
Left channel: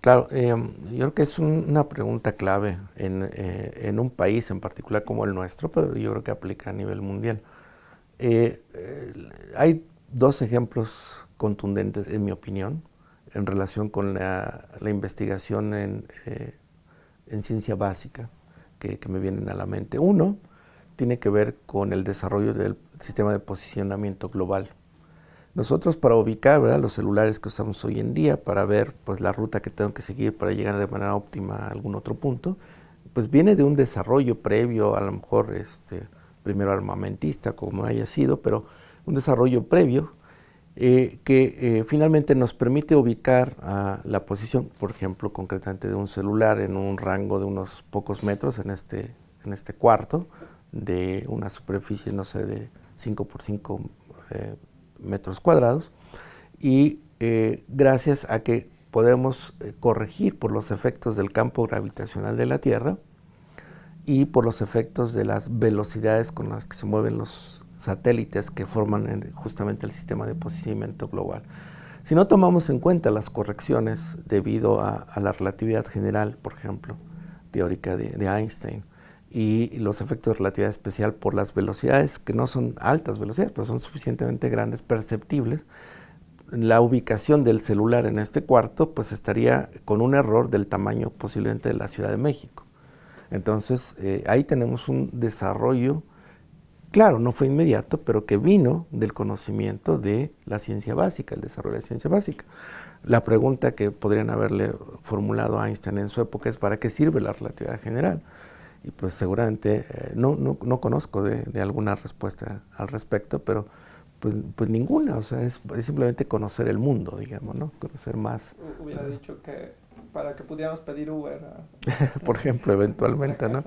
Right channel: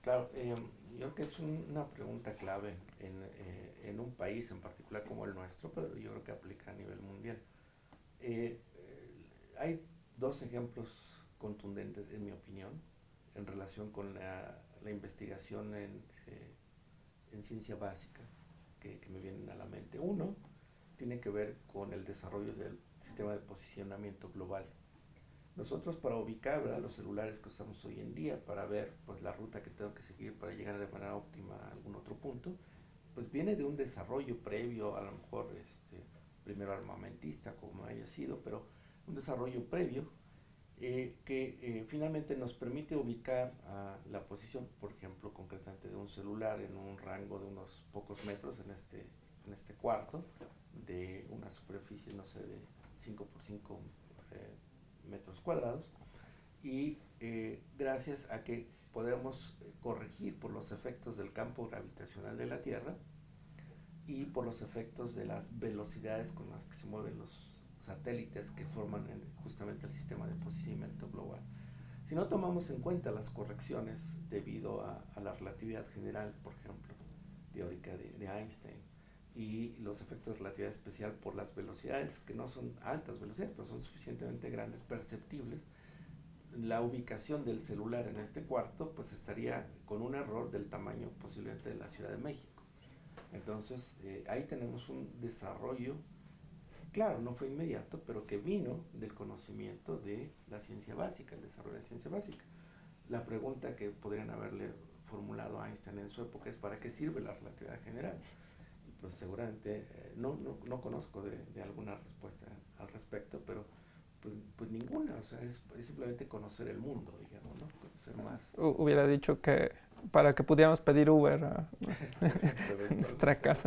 Claro, yo creo que es una pregunta clave en un país en particular como el nuestro, pero yo creo que aplica a nivel mundial. Hay dos ejemplos contundentes, en mi opinión, en relación con la investigación en ciencia básica que me vienen a la mente. Uno tiene que ver con el desarrollo del sistema de posicionamiento global. Nosotros para ubicar, ¿verdad?, los celulares que usamos hoy en día, para ver pues, la ruta que tengo que seguir para llegar de manera óptima a algún otro punto, pues viene de un desarrollo previo, a lo mejor primero armamentista, como haya sido, pero un desarrollo previo que finalmente nos permite ubicar la posición, por ejemplo, concretamente de un celular en un rango de unos pocos metros en este cuarto, de una superficie, no sé, de 5 por 5 metros cuadrados, y gracias a que podemos corregir por los efectos del campo gravitacional de la Tierra y por los efectos de las velocidades con las que se mueven los satélites que forman justamente el sistema de posicionamiento global. Si no tomamos en cuenta las correcciones debido a la relatividad general, por ejemplo, teórica de Einstein, y los efectos de relatividad especial por las velocidades, que no son altas velocidades, pero son suficientemente grandes, perceptibles, la ubicación del celular en este cuarto pues estaría con un error del tamaño posiblemente de la Ciudad de México. Entonces, ahí tenemos un desarrollo, claro, no fue inmediato, pero que vino del conocimiento de la ciencia básica, el desarrollo de la ciencia básica. La pregunta que podrían haberle formulado a Einstein en su época es ¿para qué sirve la relatividad general? Y pues seguramente no conozco de alguna respuesta al respecto, pero pues ninguna, o sea, es simplemente conocer el mundo, digamos, ¿no? Conocer más. Hubiera dicho que para que pudiéramos pedir Uber Por ejemplo, eventualmente, ¿no?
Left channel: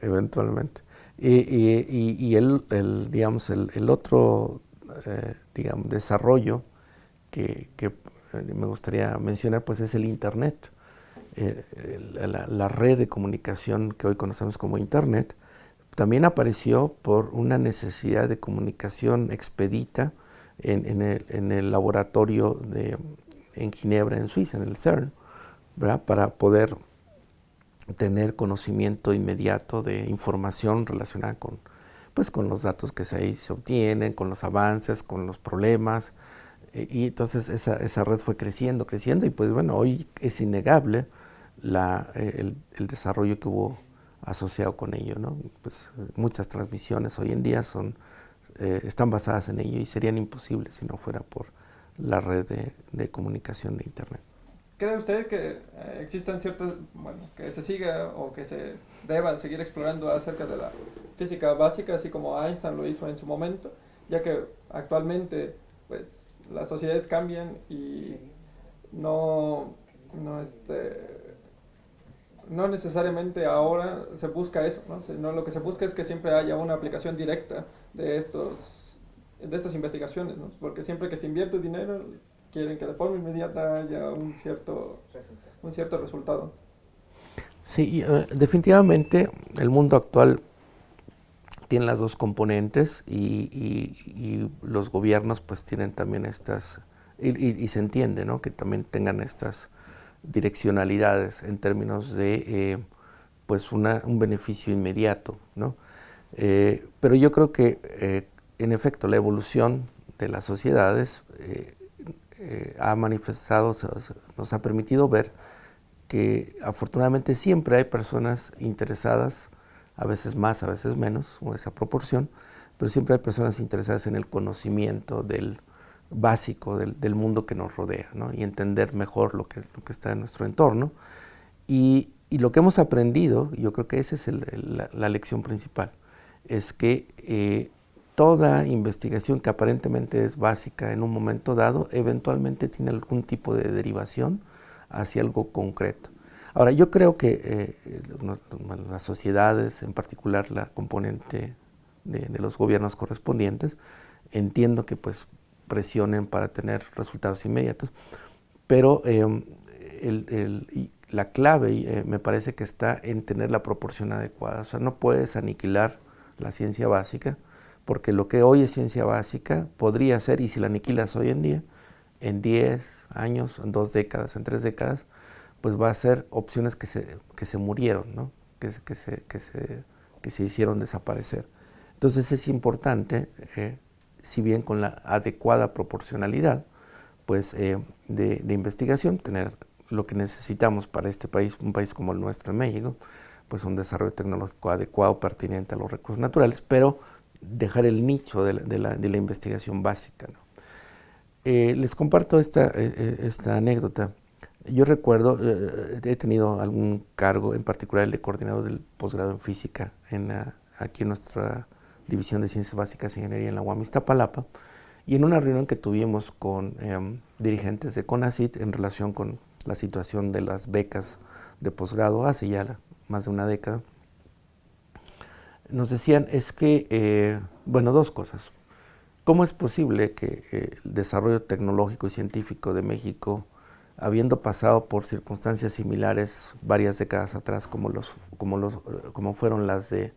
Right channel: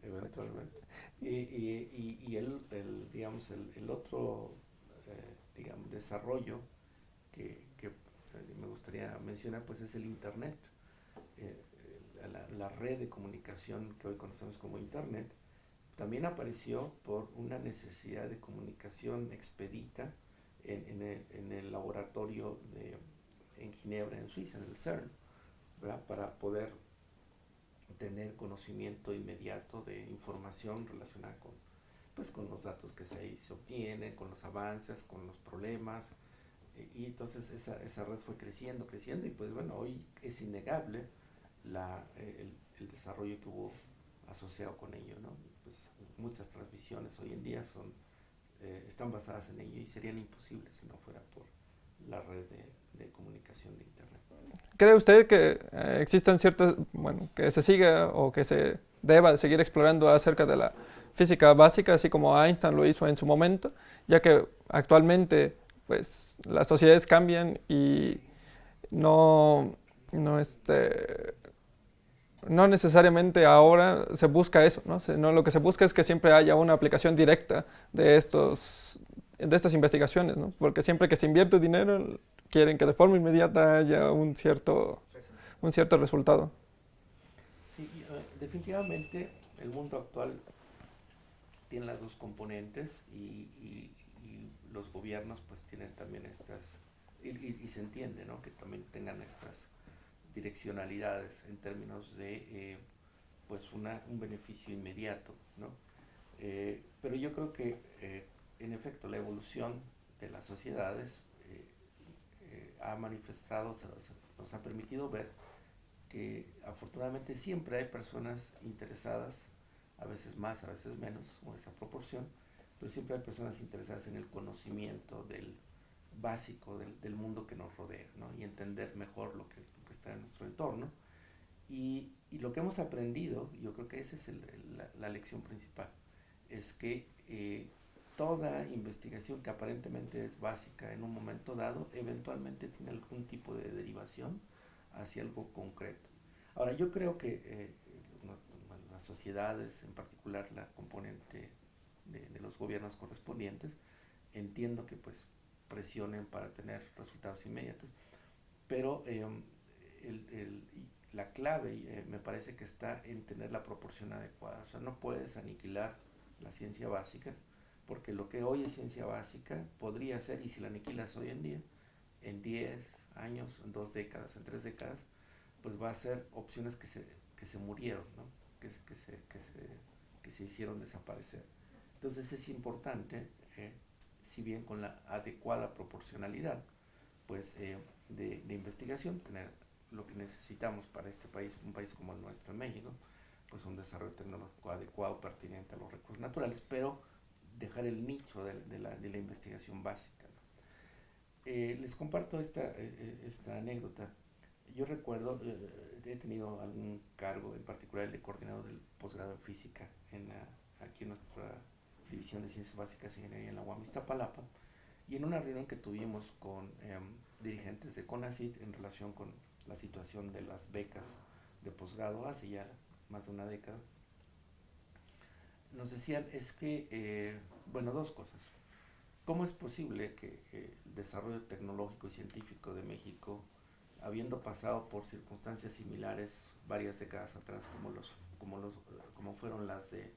Eventualmente. Y digamos, el otro, digamos, desarrollo que me gustaría mencionar, pues es el Internet. La red de comunicación que hoy conocemos como Internet también apareció por una necesidad de comunicación expedita en el laboratorio en Ginebra, en Suiza, en el CERN, ¿verdad? Para poder tener conocimiento inmediato de información relacionada con, pues, con los datos que ahí se obtienen, con los avances, con los problemas. Y entonces esa red fue creciendo, creciendo, y pues bueno, hoy es innegable el desarrollo que hubo asociado con ello, ¿no? Pues muchas transmisiones hoy en día están basadas en ello y serían imposibles si no fuera por la red de comunicación de Internet. ¿Cree usted que existen ciertas, bueno, que se siga o que se deba seguir explorando acerca de la física básica, así como Einstein lo hizo en su momento, ya que actualmente, pues, las sociedades cambian y no, no, no necesariamente ahora se busca eso, ¿no? No, lo que se busca es que siempre haya una aplicación directa de estas investigaciones, ¿no? Porque siempre que se invierte dinero, quieren que de forma inmediata haya un cierto resultado. Sí, definitivamente el mundo actual tiene las dos componentes y los gobiernos pues tienen también y se entiende, ¿no? Que también tengan estas direccionalidades en términos de pues un beneficio inmediato, ¿no? Pero yo creo que en efecto la evolución de las sociedades ha manifestado, nos ha permitido ver que afortunadamente siempre hay personas interesadas, a veces más, a veces menos, o esa proporción, pero siempre hay personas interesadas en el conocimiento del básico del mundo que nos rodea, ¿no? Y entender mejor lo que está en nuestro entorno. Y lo que hemos aprendido, yo creo que esa es la lección principal, es que toda investigación que aparentemente es básica en un momento dado, eventualmente tiene algún tipo de derivación hacia algo concreto. Ahora, yo creo que las sociedades, en particular la componente de los gobiernos correspondientes, entiendo que pues presionen para tener resultados inmediatos, pero la clave me parece que está en tener la proporción adecuada. O sea, no puedes aniquilar la ciencia básica, porque lo que hoy es ciencia básica podría ser, y si la aniquilas hoy en día, en 10 años, en 2 décadas, en 3 décadas, pues va a ser opciones que se murieron, ¿no? que se hicieron desaparecer. Entonces es importante, si bien con la adecuada proporcionalidad, pues de investigación, tener lo que necesitamos para este país, un país como el nuestro en México, pues un desarrollo tecnológico adecuado, pertinente a los recursos naturales, pero dejar el nicho de la investigación básica, ¿no? Les comparto esta anécdota. Yo recuerdo, he tenido algún cargo, en particular el de coordinador del posgrado en física aquí en nuestra División de Ciencias Básicas e Ingeniería en la UAM Iztapalapa, y en una reunión que tuvimos con dirigentes de CONACYT en relación con la situación de las becas de posgrado hace ya más de una década, nos decían bueno, dos cosas. ¿Cómo es posible que el desarrollo tecnológico y científico de México, habiendo pasado por circunstancias similares varias décadas atrás, como fueron las de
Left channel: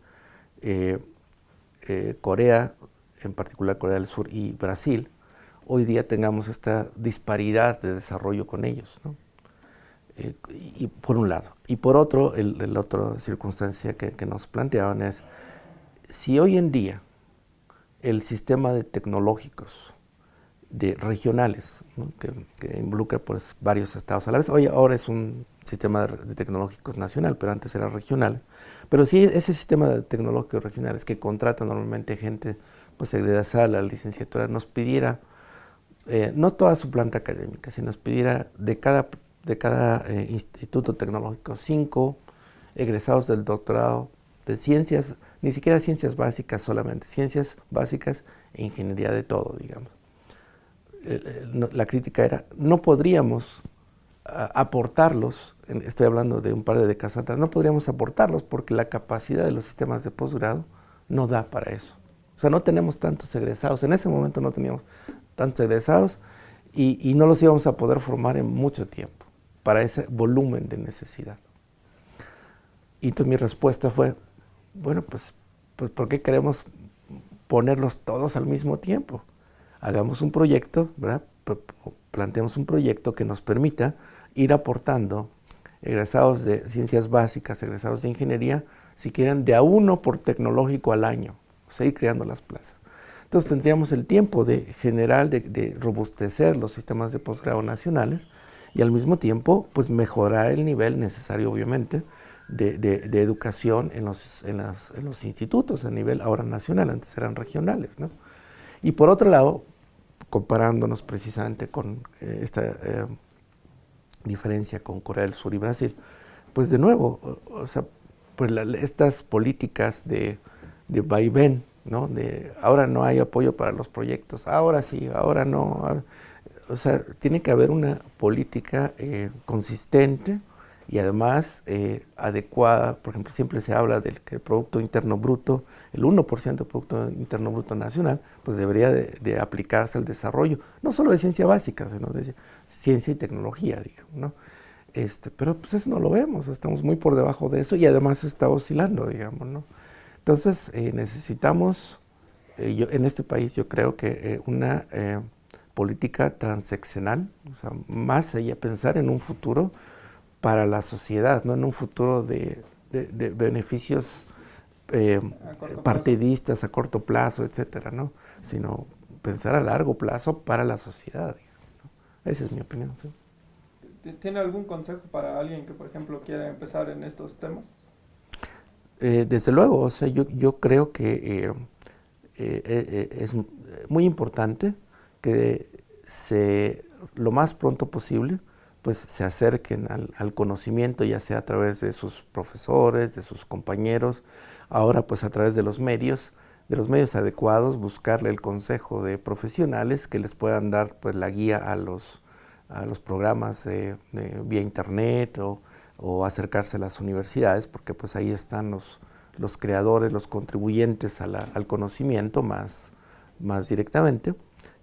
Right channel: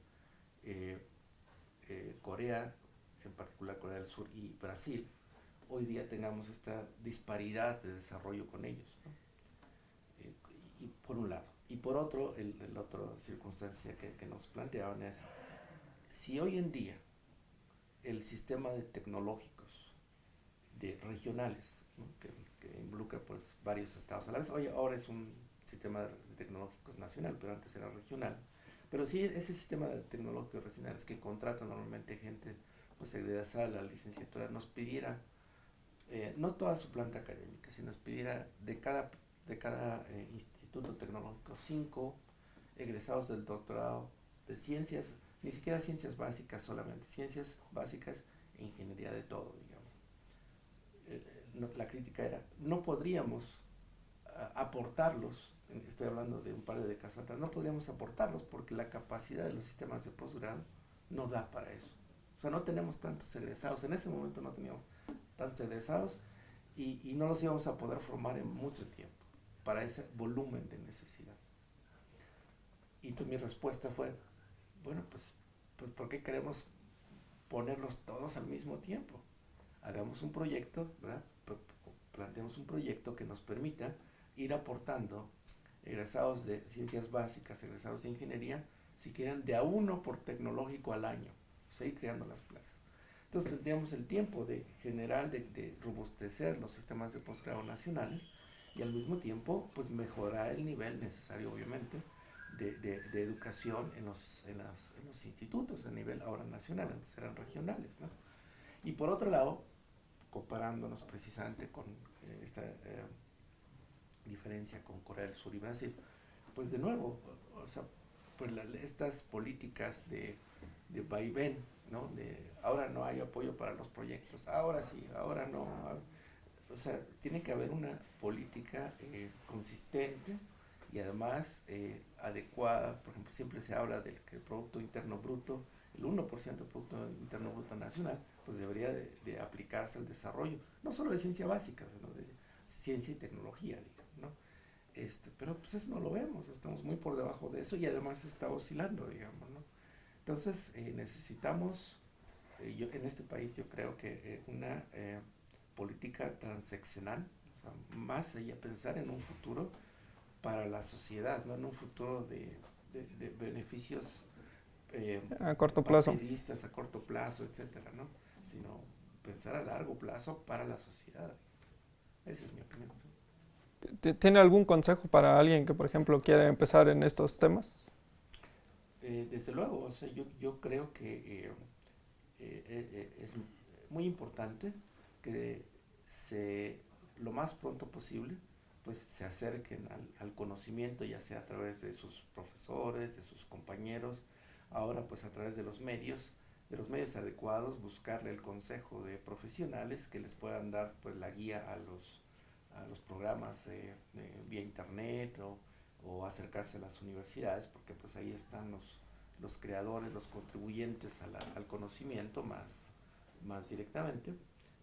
Corea, en particular Corea del Sur y Brasil, hoy día tengamos esta disparidad de desarrollo con ellos, ¿no? Y por un lado. Y por otro, la otra circunstancia que nos planteaban es, si hoy en día el sistema de tecnológicos regionales, ¿no? que involucra pues, varios estados a la vez. Ahora es un sistema de tecnológicos nacional, pero antes era regional. Pero sí, ese sistema de tecnológicos regionales que contrata normalmente gente pues, egresada a la licenciatura, nos pidiera, no toda su planta académica, sino nos pidiera de cada instituto tecnológico 5 egresados del doctorado de ciencias, ni siquiera ciencias básicas solamente, ciencias básicas e ingeniería de todo, digamos. La crítica era, no podríamos aportarlos, estoy hablando de un par de décadas atrás, no podríamos aportarlos porque la capacidad de los sistemas de posgrado no da para eso. O sea, no tenemos tantos egresados, en ese momento no teníamos tantos egresados y no los íbamos a poder formar en mucho tiempo para ese volumen de necesidad. Y entonces mi respuesta fue, bueno, pues pues, ¿por qué queremos ponerlos todos al mismo tiempo? Hagamos un proyecto, ¿verdad? Planteemos un proyecto que nos permita ir aportando egresados de ciencias básicas, egresados de ingeniería, si quieren, de a uno por tecnológico al año, o sea, ir creando las plazas. Entonces tendríamos el tiempo de generar, de robustecer los sistemas de posgrado nacionales y al mismo tiempo, pues mejorar el nivel necesario, obviamente, de educación en los institutos a nivel ahora nacional, antes eran regionales, ¿no? Y por otro lado, comparándonos precisamente con esta diferencia con Corea del Sur y Brasil, pues de nuevo, o sea, pues estas políticas de vaivén, ¿no? De ahora no hay apoyo para los proyectos, ahora sí, ahora no. Ahora, o sea, tiene que haber una política consistente y además adecuada. Por ejemplo, siempre se habla del que el Producto Interno Bruto, el 1% del Producto Interno Bruto Nacional, pues debería de aplicarse al desarrollo, no solo de ciencia básica, sino de ciencia y tecnología, digamos, ¿no? Pero pues eso no lo vemos, estamos muy por debajo de eso y además está oscilando, digamos, ¿no? Entonces necesitamos, en este país yo creo que una política transeccional, o sea, más allá pensar en un futuro para la sociedad, no en un futuro de beneficios A corto plazo. partidistas a corto plazo, etcétera, ¿no? Sino pensar a largo plazo para la sociedad, digamos, ¿no? Esa es mi opinión, ¿sí? ¿Tiene algún consejo para alguien que, por ejemplo, quiere empezar en estos temas? Desde luego, o sea, yo creo que es muy importante que lo más pronto posible pues se acerquen al conocimiento, ya sea a través de sus profesores, de sus compañeros, ahora pues a través de los medios adecuados, buscarle el consejo de profesionales que les puedan dar pues la guía a los programas vía internet o acercarse a las universidades, porque pues ahí están los creadores, los contribuyentes al conocimiento más directamente,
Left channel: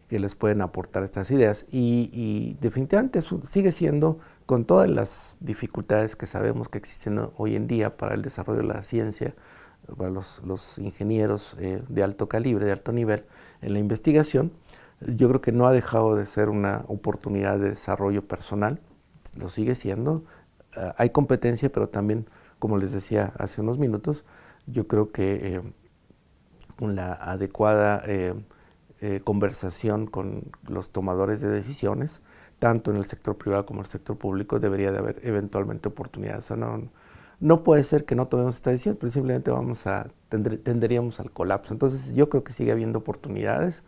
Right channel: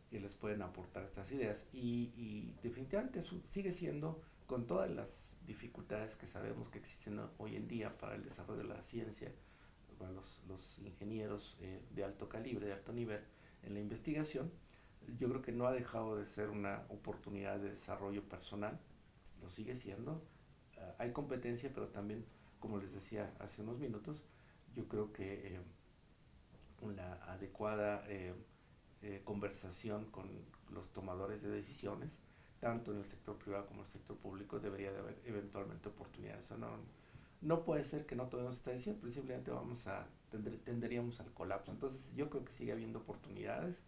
que les pueden aportar estas ideas. Y definitivamente sigue siendo, con todas las dificultades que sabemos que existen hoy en día para el desarrollo de la ciencia, para los ingenieros de alto calibre, de alto nivel en la investigación, yo creo que no ha dejado de ser una oportunidad de desarrollo personal, lo sigue siendo. Hay competencia, pero también, como les decía hace unos minutos, yo creo que con la adecuada conversación con los tomadores de decisiones, tanto en el sector privado como en el sector público, debería de haber eventualmente oportunidades. O sea, no puede ser que no tomemos esta decisión, pero simplemente tenderíamos al colapso. Entonces yo creo que sigue habiendo oportunidades.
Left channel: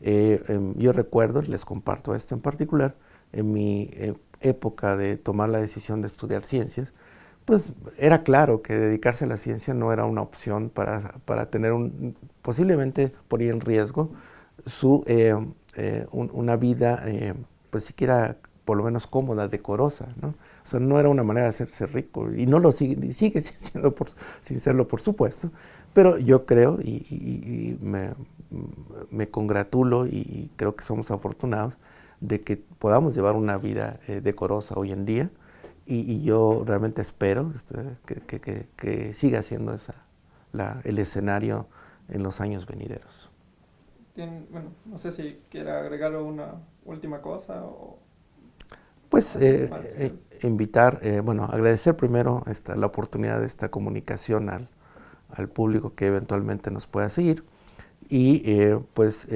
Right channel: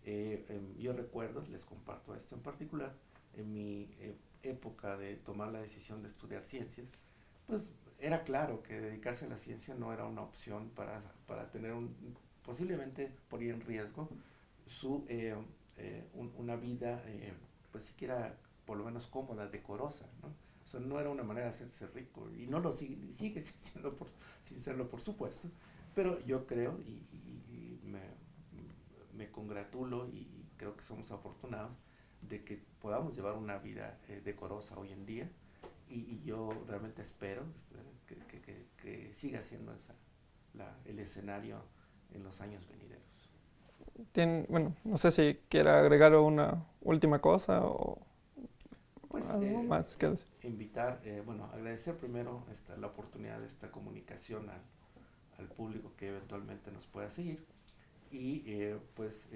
Yo recuerdo, les comparto esto en particular, en mi época de tomar la decisión de estudiar ciencias, pues era claro que dedicarse a la ciencia no era una opción para tener posiblemente poner en riesgo una vida, pues siquiera por lo menos cómoda, decorosa, ¿no? O sea, no era una manera de hacerse rico y no lo sigue siendo sin serlo, por supuesto, pero yo creo y me congratulo y creo que somos afortunados de que podamos llevar una vida decorosa hoy en día y yo realmente espero que siga siendo el escenario en los años venideros. Bueno, no sé si quiera agregar una última cosa o Pues algo más que decir. invitar, bueno, agradecer primero la oportunidad de esta comunicación al público que eventualmente nos pueda seguir y pues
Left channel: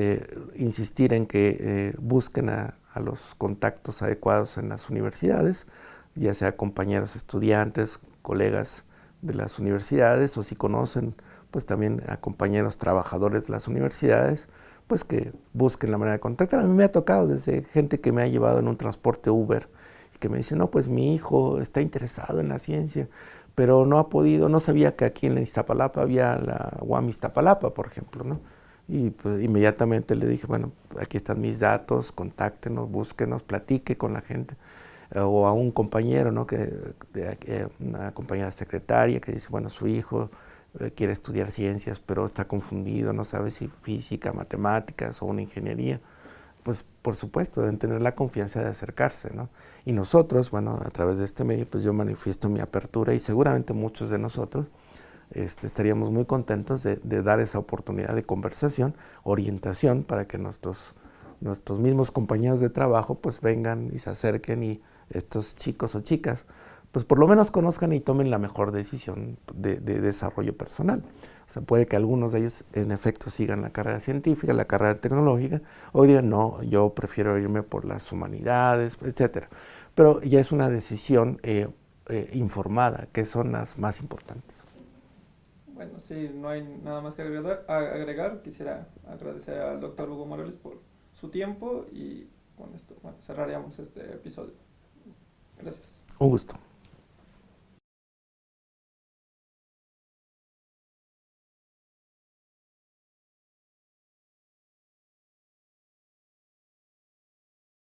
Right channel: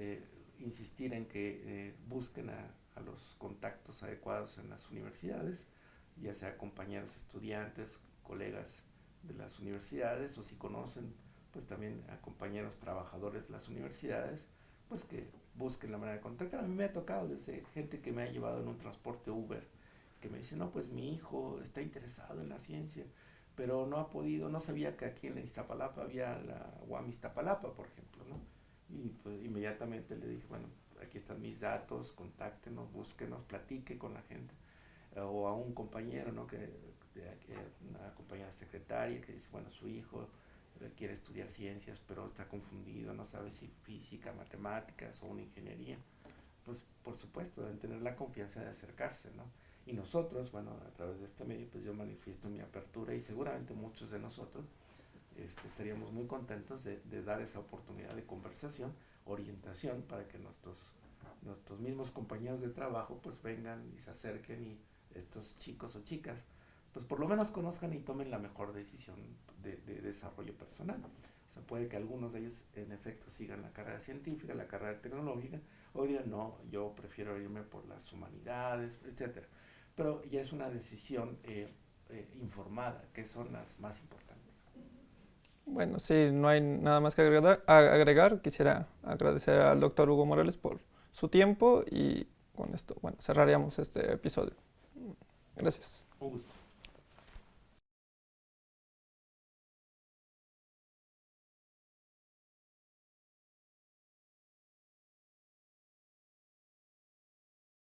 insistir en que busquen a los contactos adecuados en las universidades, ya sea compañeros estudiantes, colegas de las universidades o si conocen pues también a compañeros trabajadores de las universidades, pues que busquen la manera de contactar. A mí me ha tocado desde gente que me ha llevado en un transporte Uber y que me dice, no, pues mi hijo está interesado en la ciencia, pero no ha podido, no sabía que aquí en Iztapalapa había la UAM Iztapalapa, por ejemplo, ¿no? Y pues inmediatamente le dije, bueno, aquí están mis datos, contáctenos, búsquenos, platique con la gente. O a un compañero, ¿no? Una compañera secretaria que dice, bueno, su hijo quiere estudiar ciencias, pero está confundido, no sabe si física, matemáticas o una ingeniería. Pues por supuesto, deben tener la confianza de acercarse, ¿no? Y nosotros, bueno, a través de este medio, pues yo manifiesto mi apertura y seguramente muchos de nosotros estaríamos muy contentos de dar esa oportunidad de conversación, orientación, para que nuestros mismos compañeros de trabajo pues vengan y se acerquen y estos chicos o chicas pues por lo menos conozcan y tomen la mejor decisión de desarrollo personal. O sea, puede que algunos de ellos en efecto sigan la carrera científica, la carrera tecnológica, o digan, no, yo prefiero irme por las humanidades, etcétera. Pero ya es una decisión informada, que son las más importantes. Bueno, sí, no hay nada más que agregar. Quisiera agradecer al doctor Hugo Morales por su tiempo y con esto, bueno, cerraríamos este episodio. Gracias. Un gusto.